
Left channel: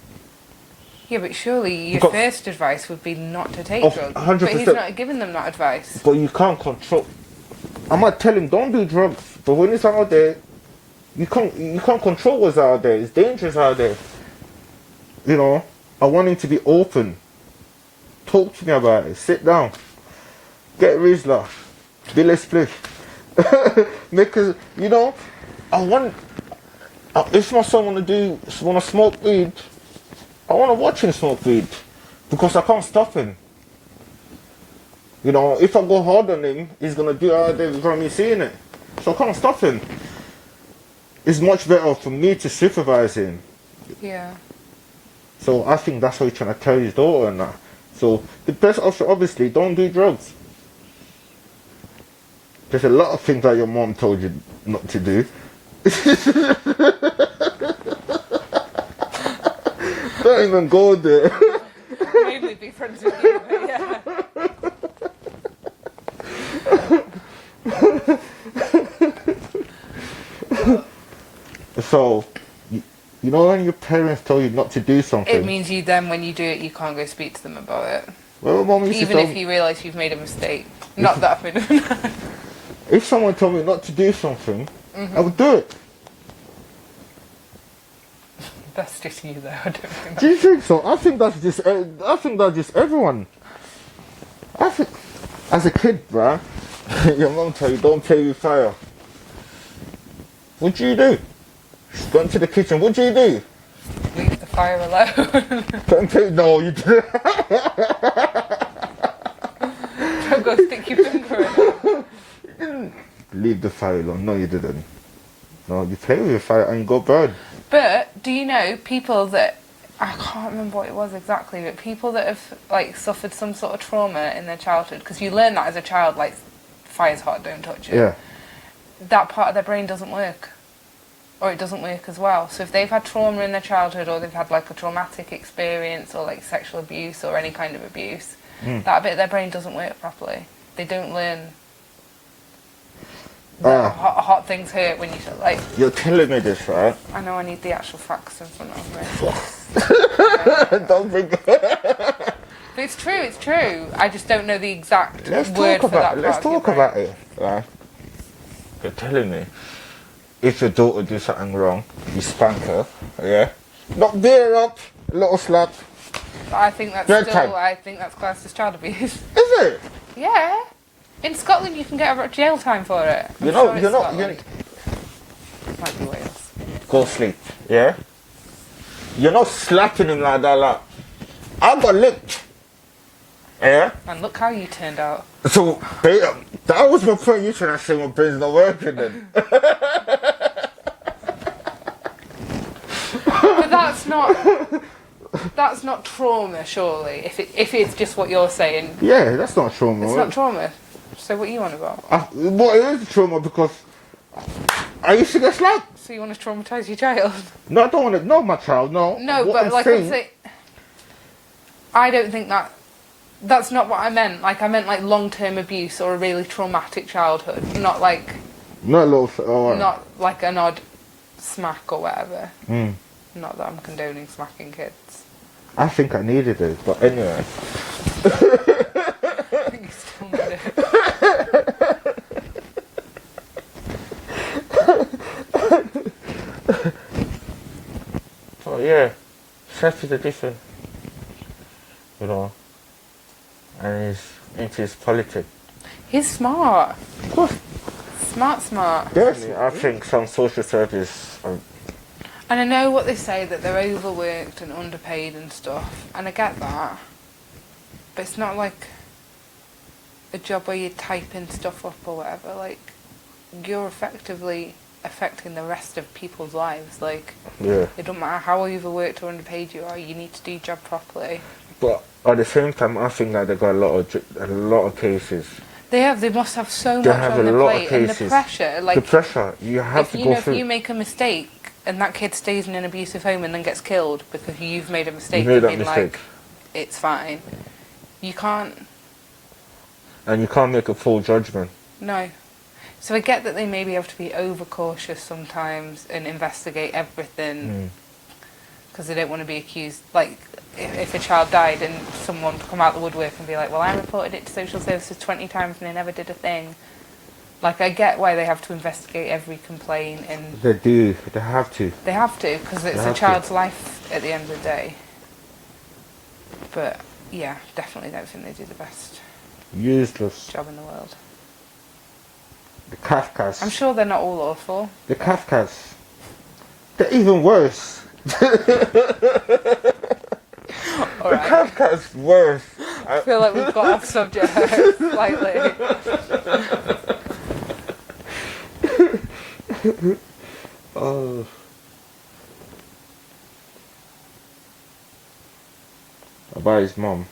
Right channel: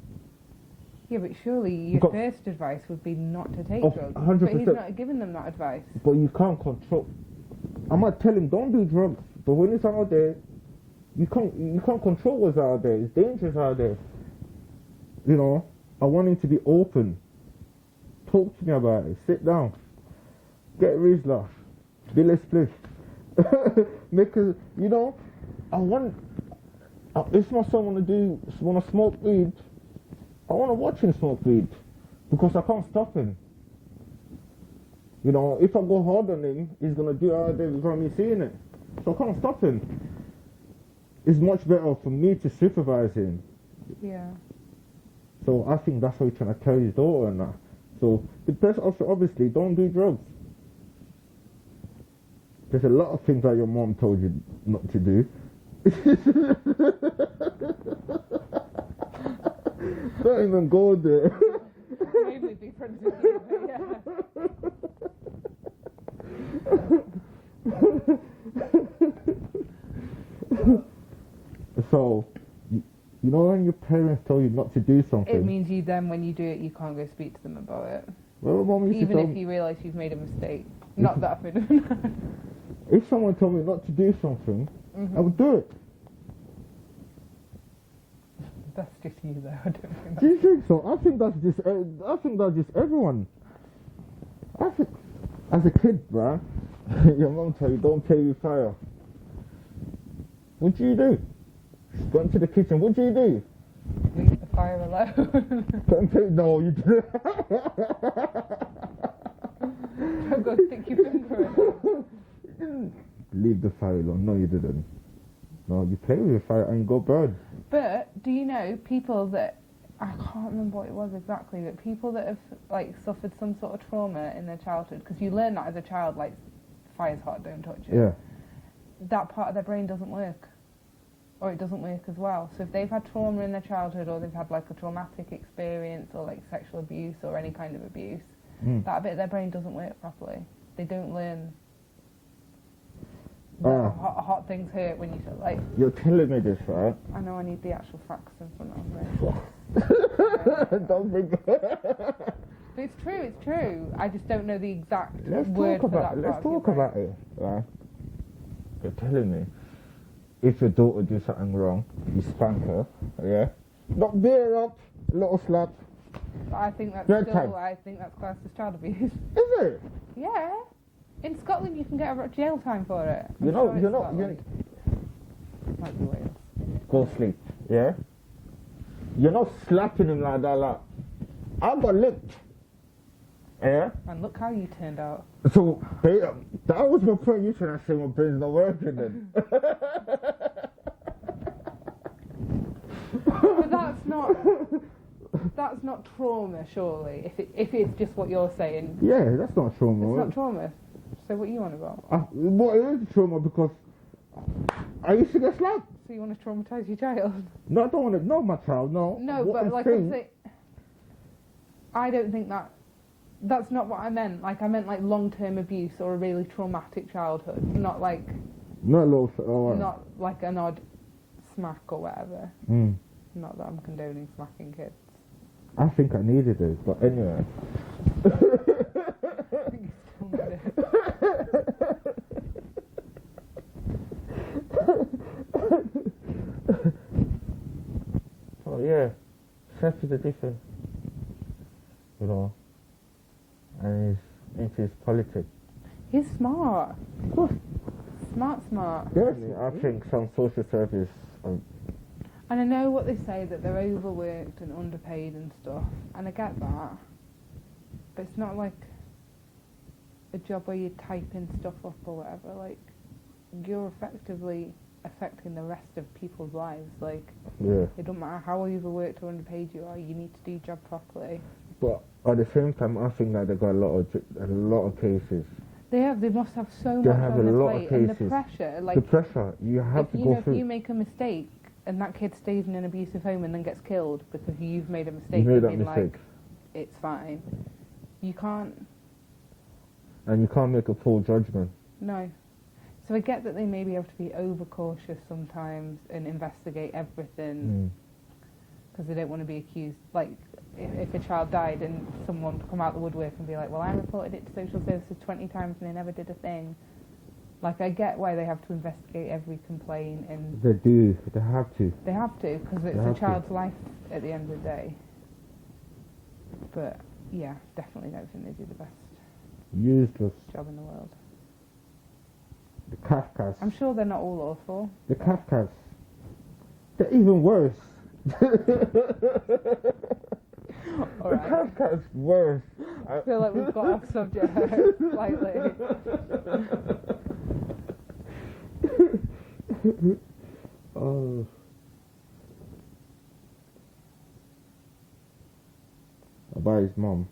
Yeah, but surely your first advice would be not to take drugs. 100%. But he's not giving them that advice. But you can't control. I might tell him don't do drugs, but when it's out there, you can't control what's out there. It's dangerous out there. You know, I want him to be open. Talk to me about it. Sit down. Get Rizla. Billy Spliff. Because, you know, if my son want to smoke weed, I want to watch him smoke weed because I can't stop him. You know, if I go hard on him, he's going to do it out there without me seeing it. So I can't stop him. It's much better for me to supervise him. Yeah. So I think that's what he's trying to tell his daughter and that. So the best option, obviously, don't do drugs. There's a lot of things that your mom told you not to do. Don't even go there. Mainly be friends with you, but yeah. So, you know when your parents tell you not to do something? It means you then, when you do it, you can't go speak to them about it. Well, Mum used to Even tell if you realise you've made a mistake. Not that I've made a mistake. If someone told me not to do something, I would do it. That's just you, though. I don't think Do you think so? I think that's just everyone. I think, as a kid, bruh, your mum tell you don't play with fire. What do you do? She's gone to the kitchen. What do you do? leave the fire alone. Don't play. No, you didn't. Don't go stick your finger in it. You didn't leave the fire alone. No, you didn't. No, you play with your fire and you go burn. But do you know people that, I can't remember what it was exactly, but people that have like suffered some sort of trauma in their childhood, because you learn that as a child, like fire's hot, don't touch it. Yeah. That part of their brain doesn't work, or it doesn't work as well. So if they've had trauma in their childhood, or they've had like a traumatic experience, or like sexual abuse or any kind of abuse, that bit of their brain doesn't work properly. They don't learn that hot things hurt when you like. You're telling me this, right? I know, I need the actual facts in front of me. Don't bring. But it's true, it's true. I just don't know the exact word for that. Let's talk about it. Right? You're telling me if your daughter do something wrong, you spank her, yeah? Not beat her up, a little slap. But I think that's I think that's classed as child abuse. Is it? Yeah. In Scotland, you can get a jail time for it. You're not. Might be Wales. Go sleep, yeah? You're not slapping him like that, like. I got licked. Yeah? And look how you turned out. So, that was my point. You trying to say my brain's not working then. But that's not trauma, surely. If it's just what you're saying. Yeah, that's not trauma. It's not trauma. So what are you on about? Well, it is trauma because I used to get slapped. So you want to traumatise your child? No, I don't want to. No, my child. No. No, what but I'm like saying, I'm saying, I don't think That's not what I meant. Like, I meant like long-term abuse or a really traumatic childhood, not like Not little. Oh, not like an odd smack or whatever. Mm. Not that I'm condoning smacking kids. I think I needed it, but anyway. I think you still need it. So yeah, Seth is a different, you know, and he's into his politics. He's smart. Of course. Smart. Yes, I think some social service. And I know what they say, that they're overworked and underpaid and stuff, and I get that. But it's not like a job where you're typing stuff up or whatever. Like, you're effectively affecting the rest of people's lives. Like, Yeah. it doesn't matter how overworked or underpaid you are, you need to do your job properly. But at the same time, I think that they got a lot of cases. They must have so They much have on a their lot plate, of and the cases. pressure. Like, The pressure you have to go through. If you make a mistake and that kid stays in an abusive home and then gets killed because you've made a mistake, You made and that been mistake. like, it's fine. You can't. And you can't make a full judgment. No. So I get that they maybe have to be overcautious sometimes and investigate everything because they don't want to be accused. Like, if a child died and someone come out the woodwork and be like, well, I reported it to social services 20 times and they never did a thing. Like, I get why they have to investigate every complaint, and They do. They have to. they have to, because it's They a have to. child's life at the end of the day. But yeah, definitely don't think they do the best Useless. job in the world. The Kafkas. I'm sure they're not all awful. The Kafkas. They're even worse. All The right. Kafkas worse. I feel like we've got off subject slightly. Oh. About his mum.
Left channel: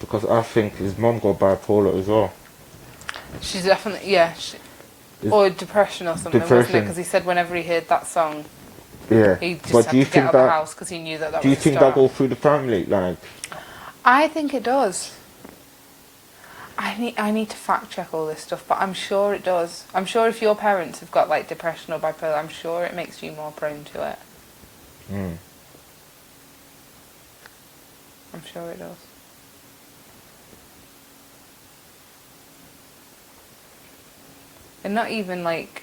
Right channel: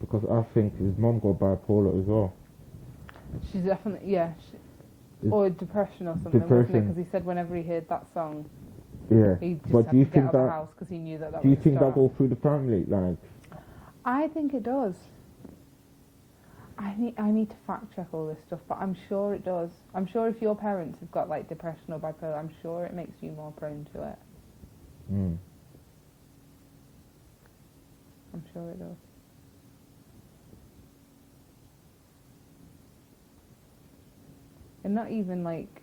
Because I think his mum got bipolar as well. She's definitely, yeah. Is- Or depression or something, wasn't it? Depression. Because he said whenever he heard that song, Yeah. he just But had do you to get think out of the that? house because he knew that Do you was the think that start. goes through the family? Like, I think it does. I need to fact check all this stuff, but I'm sure it does. I'm sure if your parents have got like depression or bipolar, I'm sure it makes you more prone to it. I'm sure it does. And not even like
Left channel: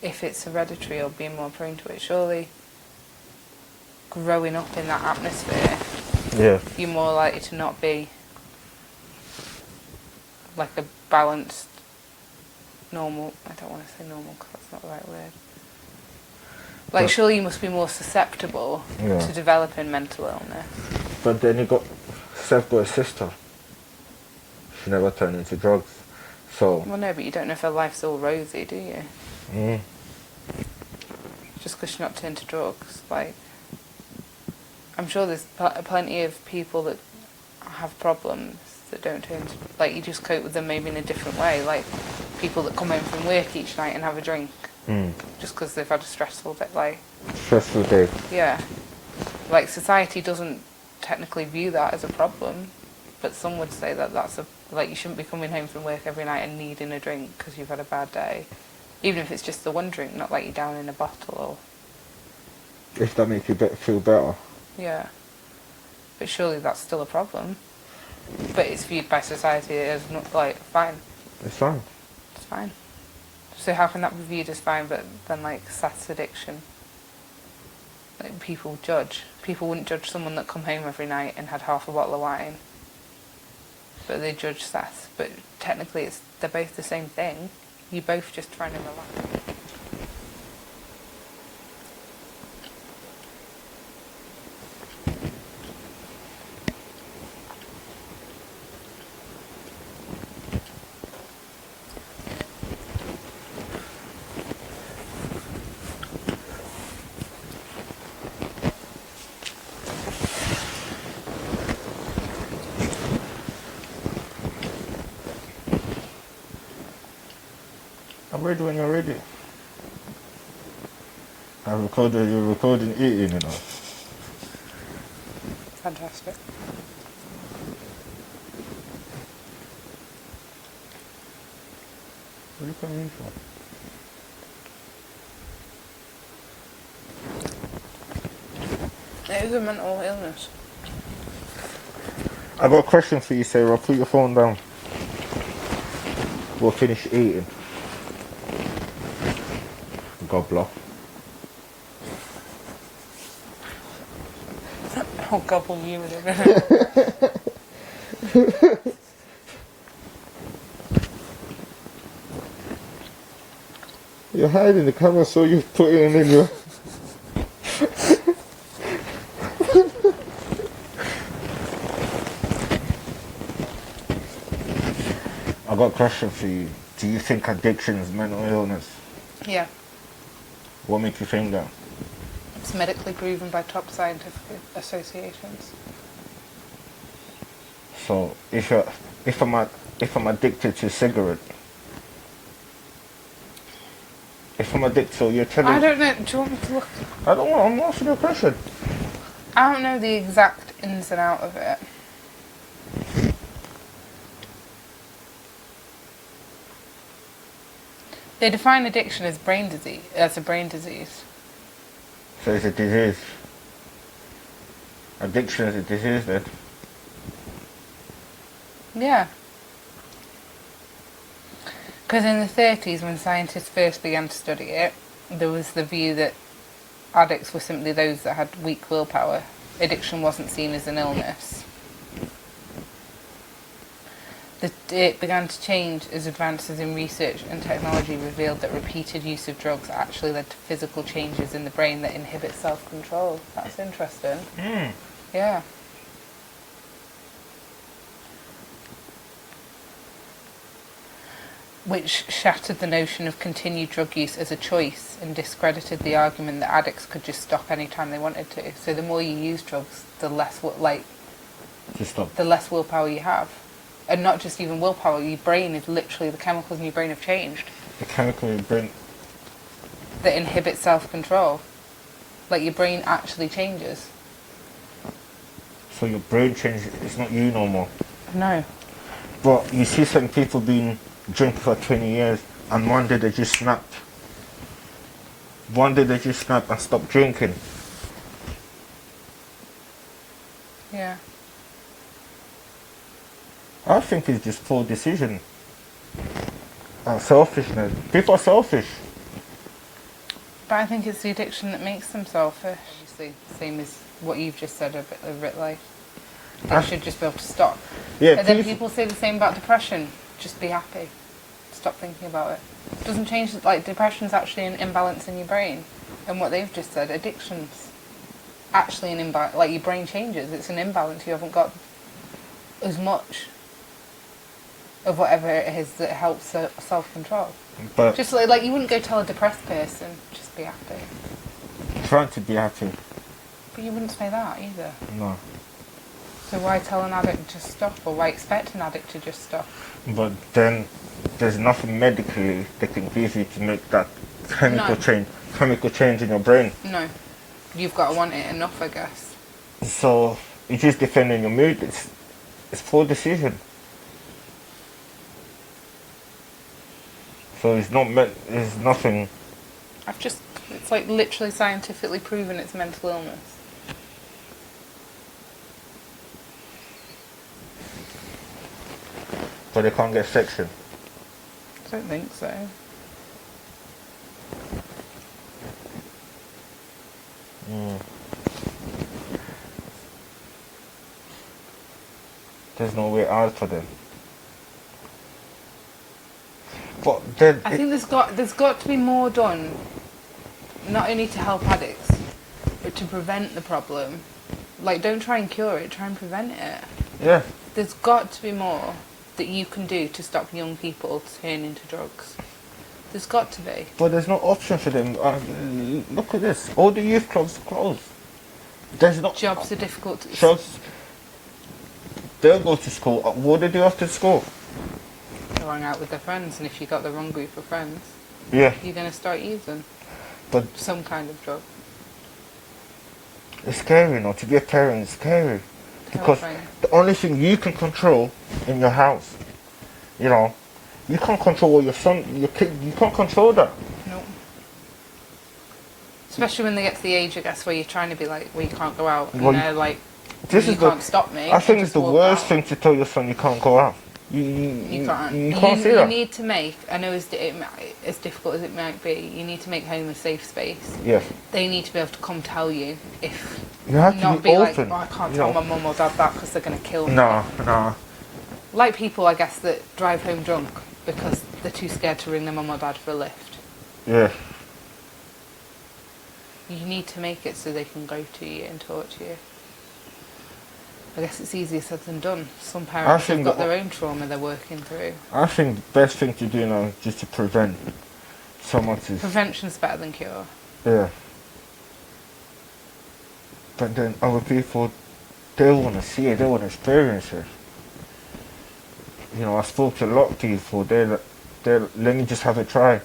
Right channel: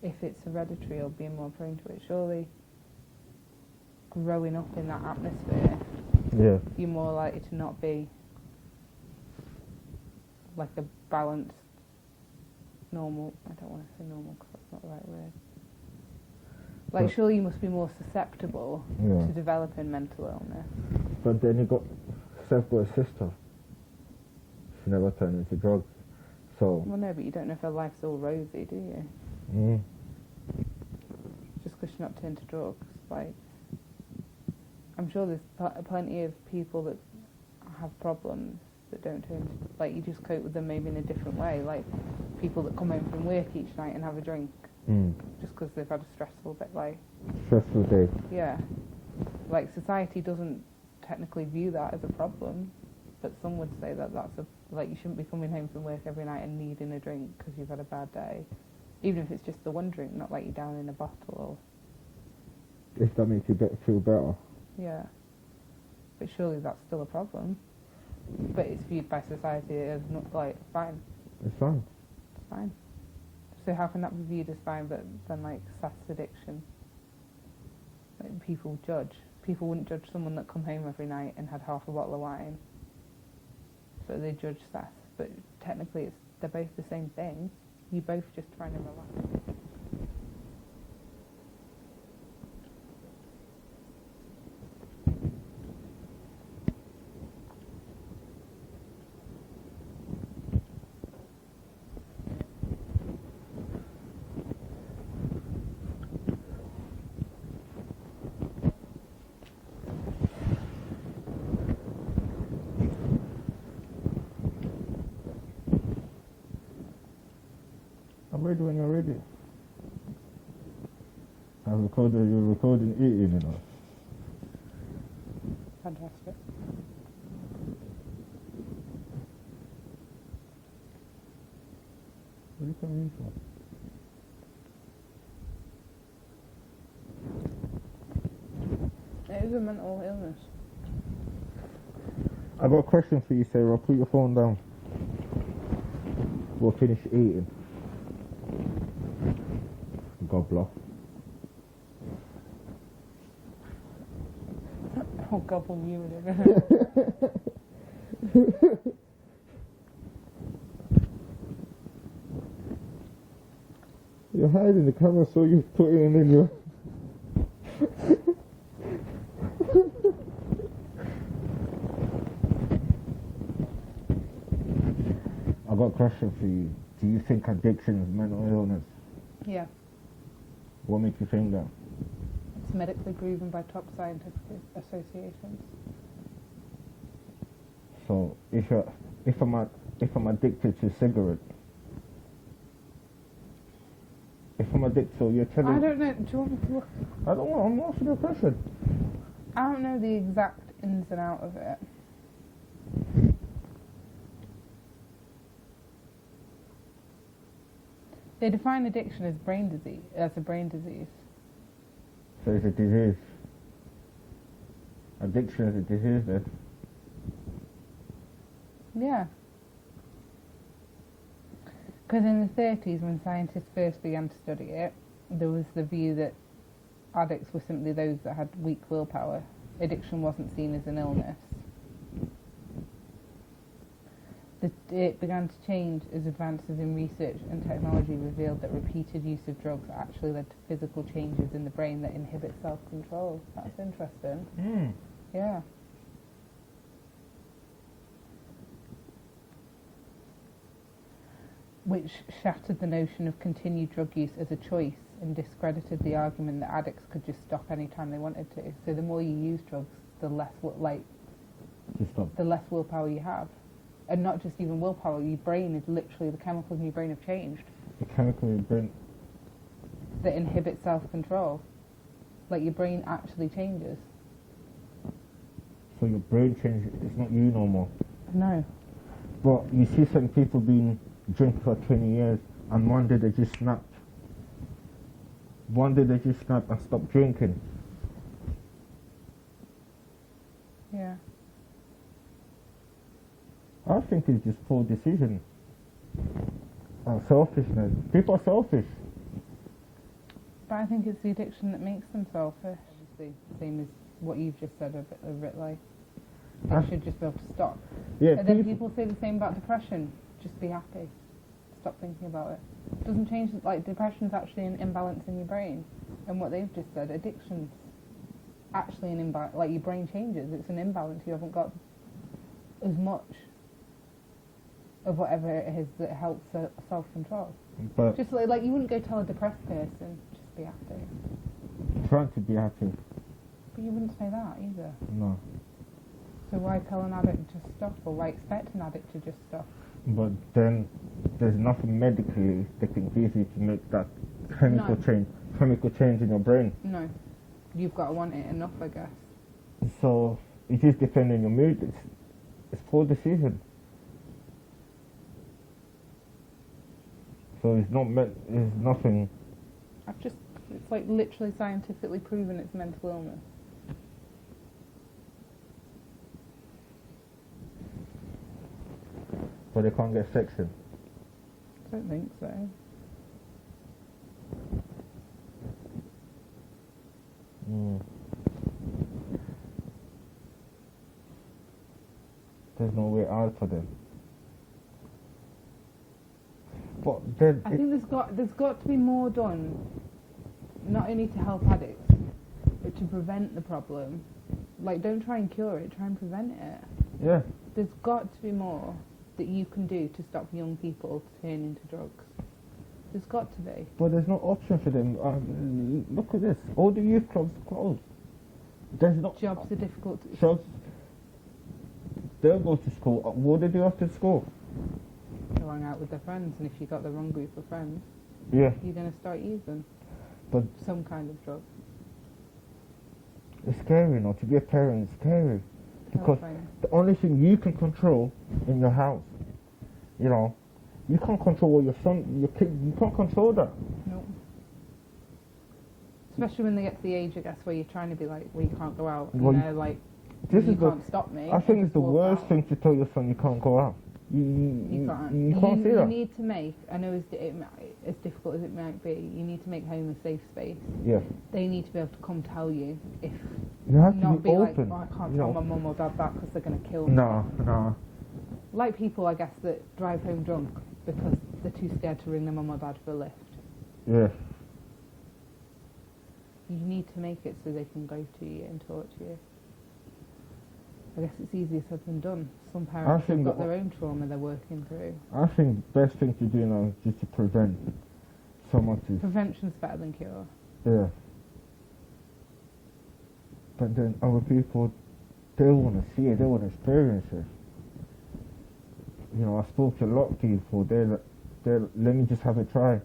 if it's hereditary or being more prone to it. Surely growing up in that atmosphere, yeah. you're more likely to not be like a balanced, normal, I don't want to say normal because that's not the right word. Like, But- surely you must be more susceptible Yeah. to developing mental illness. But then Seth got a sister. She never turned into drugs. So, Well, no, but you don't know if her life's all rosy, do you? Just because she's not turned to drugs. Like, I'm sure there's plenty of people that have problems that don't turn to, like, you just cope with them maybe in a different way. Like, people that come home from work each night and have a drink just because they've had a stressful day. Like, stressful day. yeah. Like, society doesn't technically view that as a problem, but some would say that that's like, you shouldn't be coming home from work every night and needing a drink because you've had a bad day. Even if it's just the one drink, not like you're down in a bottle or... If that makes you feel better. Yeah. But surely that's still a problem. But it's viewed by society as not, like, fine. It's fine. It's fine. So how can that be viewed as fine, but then, like, Seth's addiction? Like, people judge. People wouldn't judge someone that come home every night and had half a bottle of wine. But they judge Seth. But technically they're both the same thing. You're both just trying to relax. I'm ready when you're ready. You're recording eating, you know. Fantastic. What are you coming in for? It is a mental illness. I got a question for you, Sarah. Put your phone down. We'll finish eating. Gobbler. I'll gobble you in a minute. You're hiding the camera, so you put it in your... I got a question for you. Do you think addiction is mental illness? Yeah. What makes you think that? It's medically proven by top scientific associations. So if I'm addicted to cigarette, if I'm addicted, so you're telling... I don't know. Do you want me to look? I don't want. I'm asking you a question. I don't know the exact ins and out of it. They define addiction as brain disease, as a brain disease. So it's a disease. Addiction is a disease then. Yeah. Because in the 30s, when scientists first began to study it, there was the view that addicts were simply those that had weak willpower. Addiction wasn't seen as an illness. It began to change as advances in research and technology revealed that repeated use of drugs actually led to physical changes in the brain that inhibit self-control. That's interesting. Yeah. Which shattered the notion of continued drug use as a choice and discredited the argument that addicts could just stop any time they wanted to. So the more you use drugs, the less the less willpower you have. And not just even willpower, your brain is literally, the chemicals in your brain have changed. The chemical in your brain. That inhibit self-control. Like your brain actually changes. So your brain changes. It's not you no more. No. But you see some people being drinking for 20 years and one day they just snapped. One day they just snapped and stopped drinking. Yeah. I think it's just poor decision. And selfishness. People are selfish. But I think it's the addiction that makes them selfish. Obviously, same as what you've just said a bit like. They should just be able to stop. Yeah, And then people say the same about depression. Just be happy. Stop thinking about it. It doesn't change, like, depression's actually an imbalance in your brain. And what they've just said, addiction's actually an imbalance. Like, your brain changes. It's an imbalance. You haven't got as much of whatever it is that helps self-control. But Just like you wouldn't go tell a depressed person, just be happy. trying to be happy. But you wouldn't say that either. No. So why tell an addict to stop, or why expect an addict to just stop? But then there's nothing medically they can give you to make that chemical change in your brain. No. You've got to want it enough, I guess. So it just depends on your mood. It's poor decision. So it's nothing. It's like literally scientifically proven it's mental illness. But they can't get section. I don't think so. There's no way out for them. But then I think there's got to be more done, not only to help addicts, but to prevent the problem. Like, don't try and cure it, try and prevent it. yeah. There's got to be more that you can do to stop young people turning into drugs. There's got to be. But there's no option for them. Look at this. All the youth clubs are closed. There's not Jobs are difficult to... jobs. They'll go to school. What do they do after school? to hang out with their friends, and if you got the wrong group of friends, Yeah. you're going to start using But some kind of drug. it's scary, you know, to be a parent is scary. Because Terrifying. the only thing you can control in your house, you know, You can't control what your son, your kid, you can't control that. No. Especially when they get to the age, I guess, where you're trying to be like, well, you can't go out, and Well, they're like, This you is can't stop me. I think and it's just the walk worst out. thing to tell your son you can't go out. You can't. You can't say You that. need to make, I know as difficult as it might be, you need to make home a safe space. Yes. They need to be able to come tell you if You have to not be be like, open. oh, I can't you tell know. my mum or dad that because they're going to kill me. No. Like people, I guess, that drive home drunk because they're too scared to ring their mum or dad for a lift. Yeah. You need to make it so they can go to you and talk to you. I guess it's easier said than done. Some parents have think got that- their own trauma they're working through. I think the best thing to do now is just to prevent someone to. Prevention's better than cure. Yeah. But then other people, they want to see it, they want to experience it. You know, I spoke to a lot of people, they're let me just have a try.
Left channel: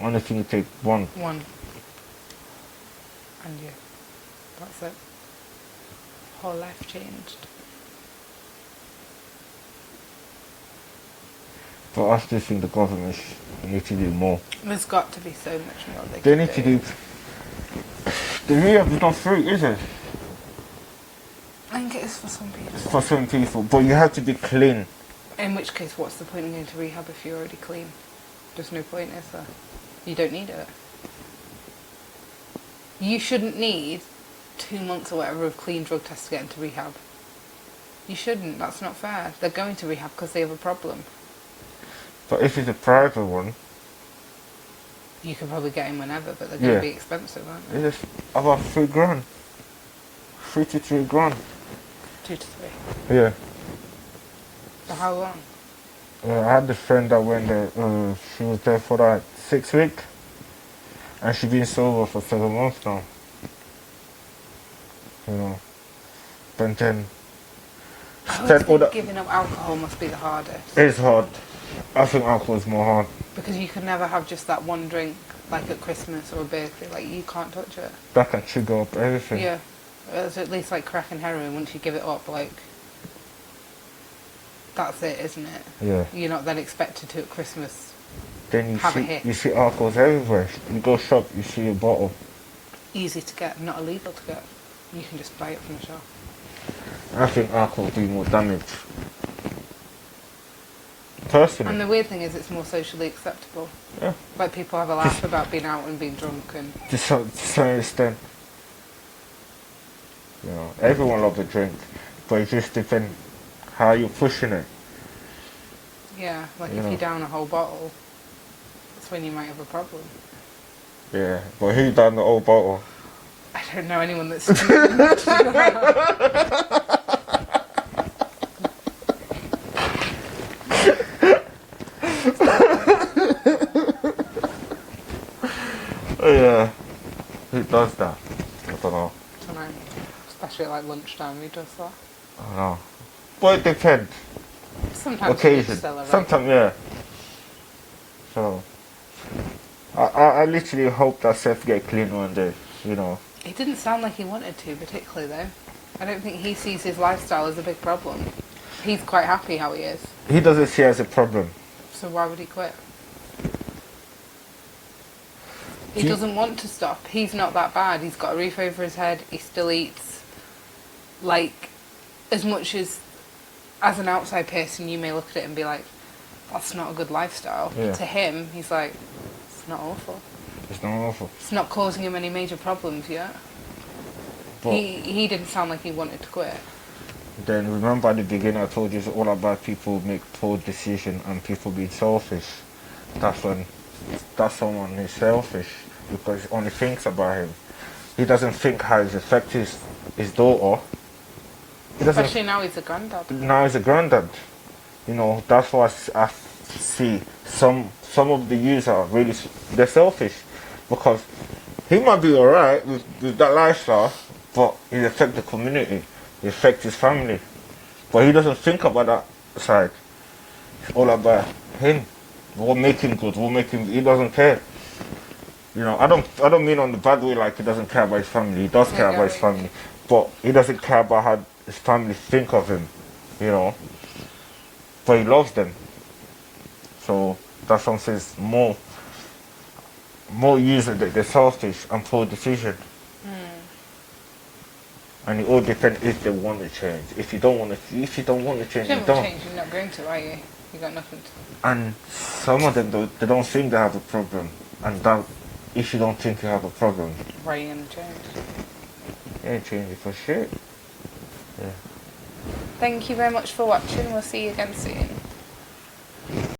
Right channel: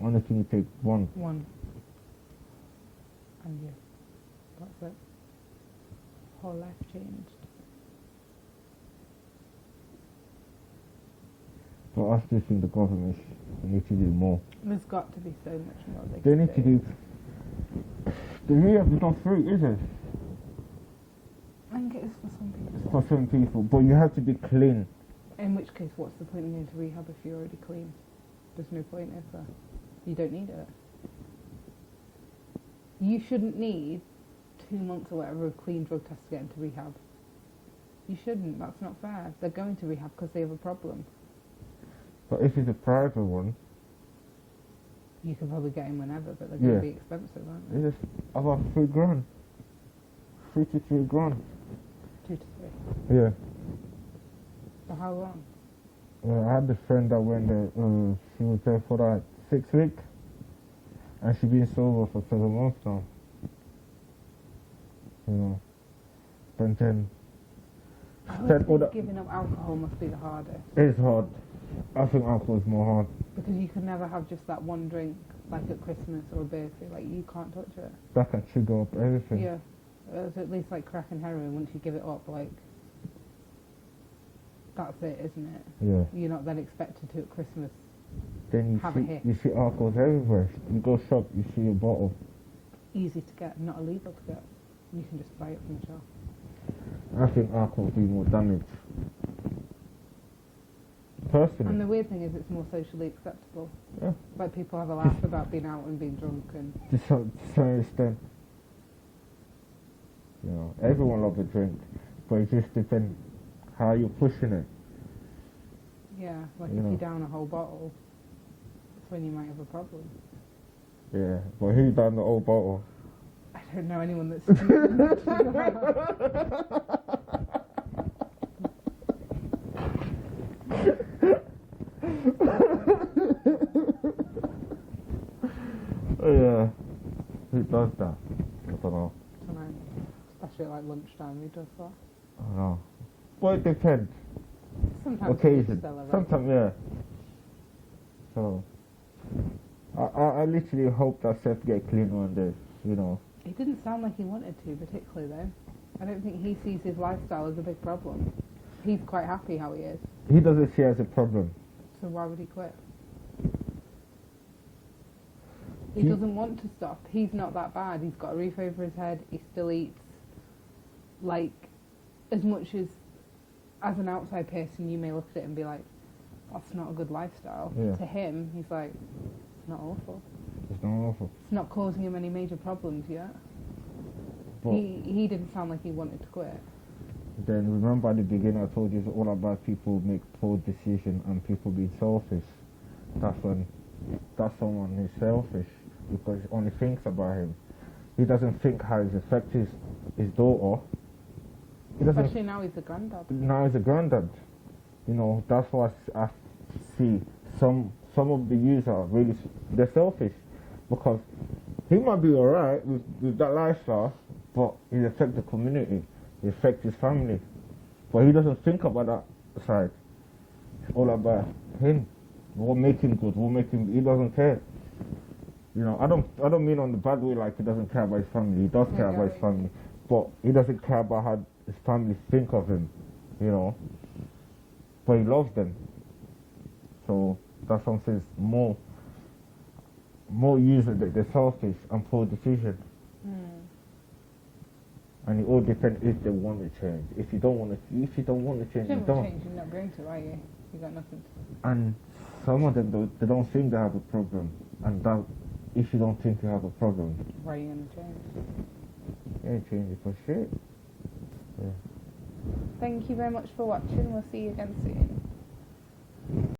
Only thing you take one. One. And you. That's it. Whole life changed. But I still think the government need to do more. There's got to be so much more they They can need to do. The rehab is not free, is it? I think it is for some people. For some people, but you have to be clean. In which case, what's the point in going to rehab if you're already clean? There's no point, is there? You don't need it. You shouldn't need 2 months or whatever of clean drug tests to get into rehab. You shouldn't. That's not fair. They're going to rehab because they have a problem. But if it's a private one, You can probably get in whenever, but they're going Yeah. to be expensive, aren't they? it's about $3,000. 3 to 3 grand. 2 to 3. Yeah. For how long? I had a friend that went there, she was there for like 6 weeks. And she's been sober for 7 months now. You know. But then, I always spent all think that. giving up alcohol must be the hardest. It's hard. I think alcohol is more hard. Because you can never have just that one drink, like at Christmas or a birthday. Like, you can't touch it. That can trigger up everything. Yeah. It's at least like crack and heroin. Once you give it up, like, that's it, isn't it? Yeah. You're not then expected to at Christmas. Then Have a hit. you see alcohols everywhere. You go shop, you see a bottle. Easy to get, not illegal to get. You can just buy it from the shop. I think alcohol do more damage. Personally. And the weird thing is, it's more socially acceptable. Yeah. Like, people have a laugh about being out and being drunk, and To some extent. You know, everyone loves a drink, but it just depends how you're pushing it. yeah, like You if know. you down a whole bottle, that's when you might have a problem. Yeah, but who done the old bottle? I don't know anyone that's. Oh yeah, who does that? I don't know. I don't know. Especially at like lunchtime, who does that? I don't know. But it depends. Sometimes Occasion. it's still alright. Sometimes, yeah. So, I literally hope that Seth get clean one day. You know. It didn't sound like he wanted to, particularly though. I don't think he sees his lifestyle as a big problem. He's quite happy how he is. He doesn't see it as a problem. So why would he quit? He Do you- doesn't want to stop. He's not that bad. He's got a roof over his head. He still eats. Like, as much as an outside person, you may look at it and be like, that's not a good lifestyle. Yeah. To him, he's like, it's not awful. It's not awful. It's not causing him any major problems yet. But He didn't sound like he wanted to quit. then remember at the beginning I told you it's all about people make poor decisions and people being selfish. That's someone who's selfish because he only thinks about him. He doesn't think how it affects his daughter. He doesn't. Especially now he's a granddad. Now he's a granddad. You know, that's why I see some of the youths are really, they're selfish because he might be alright with that lifestyle, but it affects the community, it affects his family. But he doesn't think about that side. It's all about him. What make him good, he doesn't care. You know, I don't mean on the bad way like he doesn't care about his family. He does care about his family. But he doesn't care about how his family think of him, you know. but he loves them. So that's what I'm saying. More usually they're selfish and poor decision. And it all depends if they want to change. If you don't want to change, If you don't want to change, you're not going to, are you? You got nothing to. And some of them, they don't think they have a problem. And that, if you don't think you have a problem, Why are you going to change? you ain't changing for shit. Yeah. Thank you very much for watching. We'll see you again soon.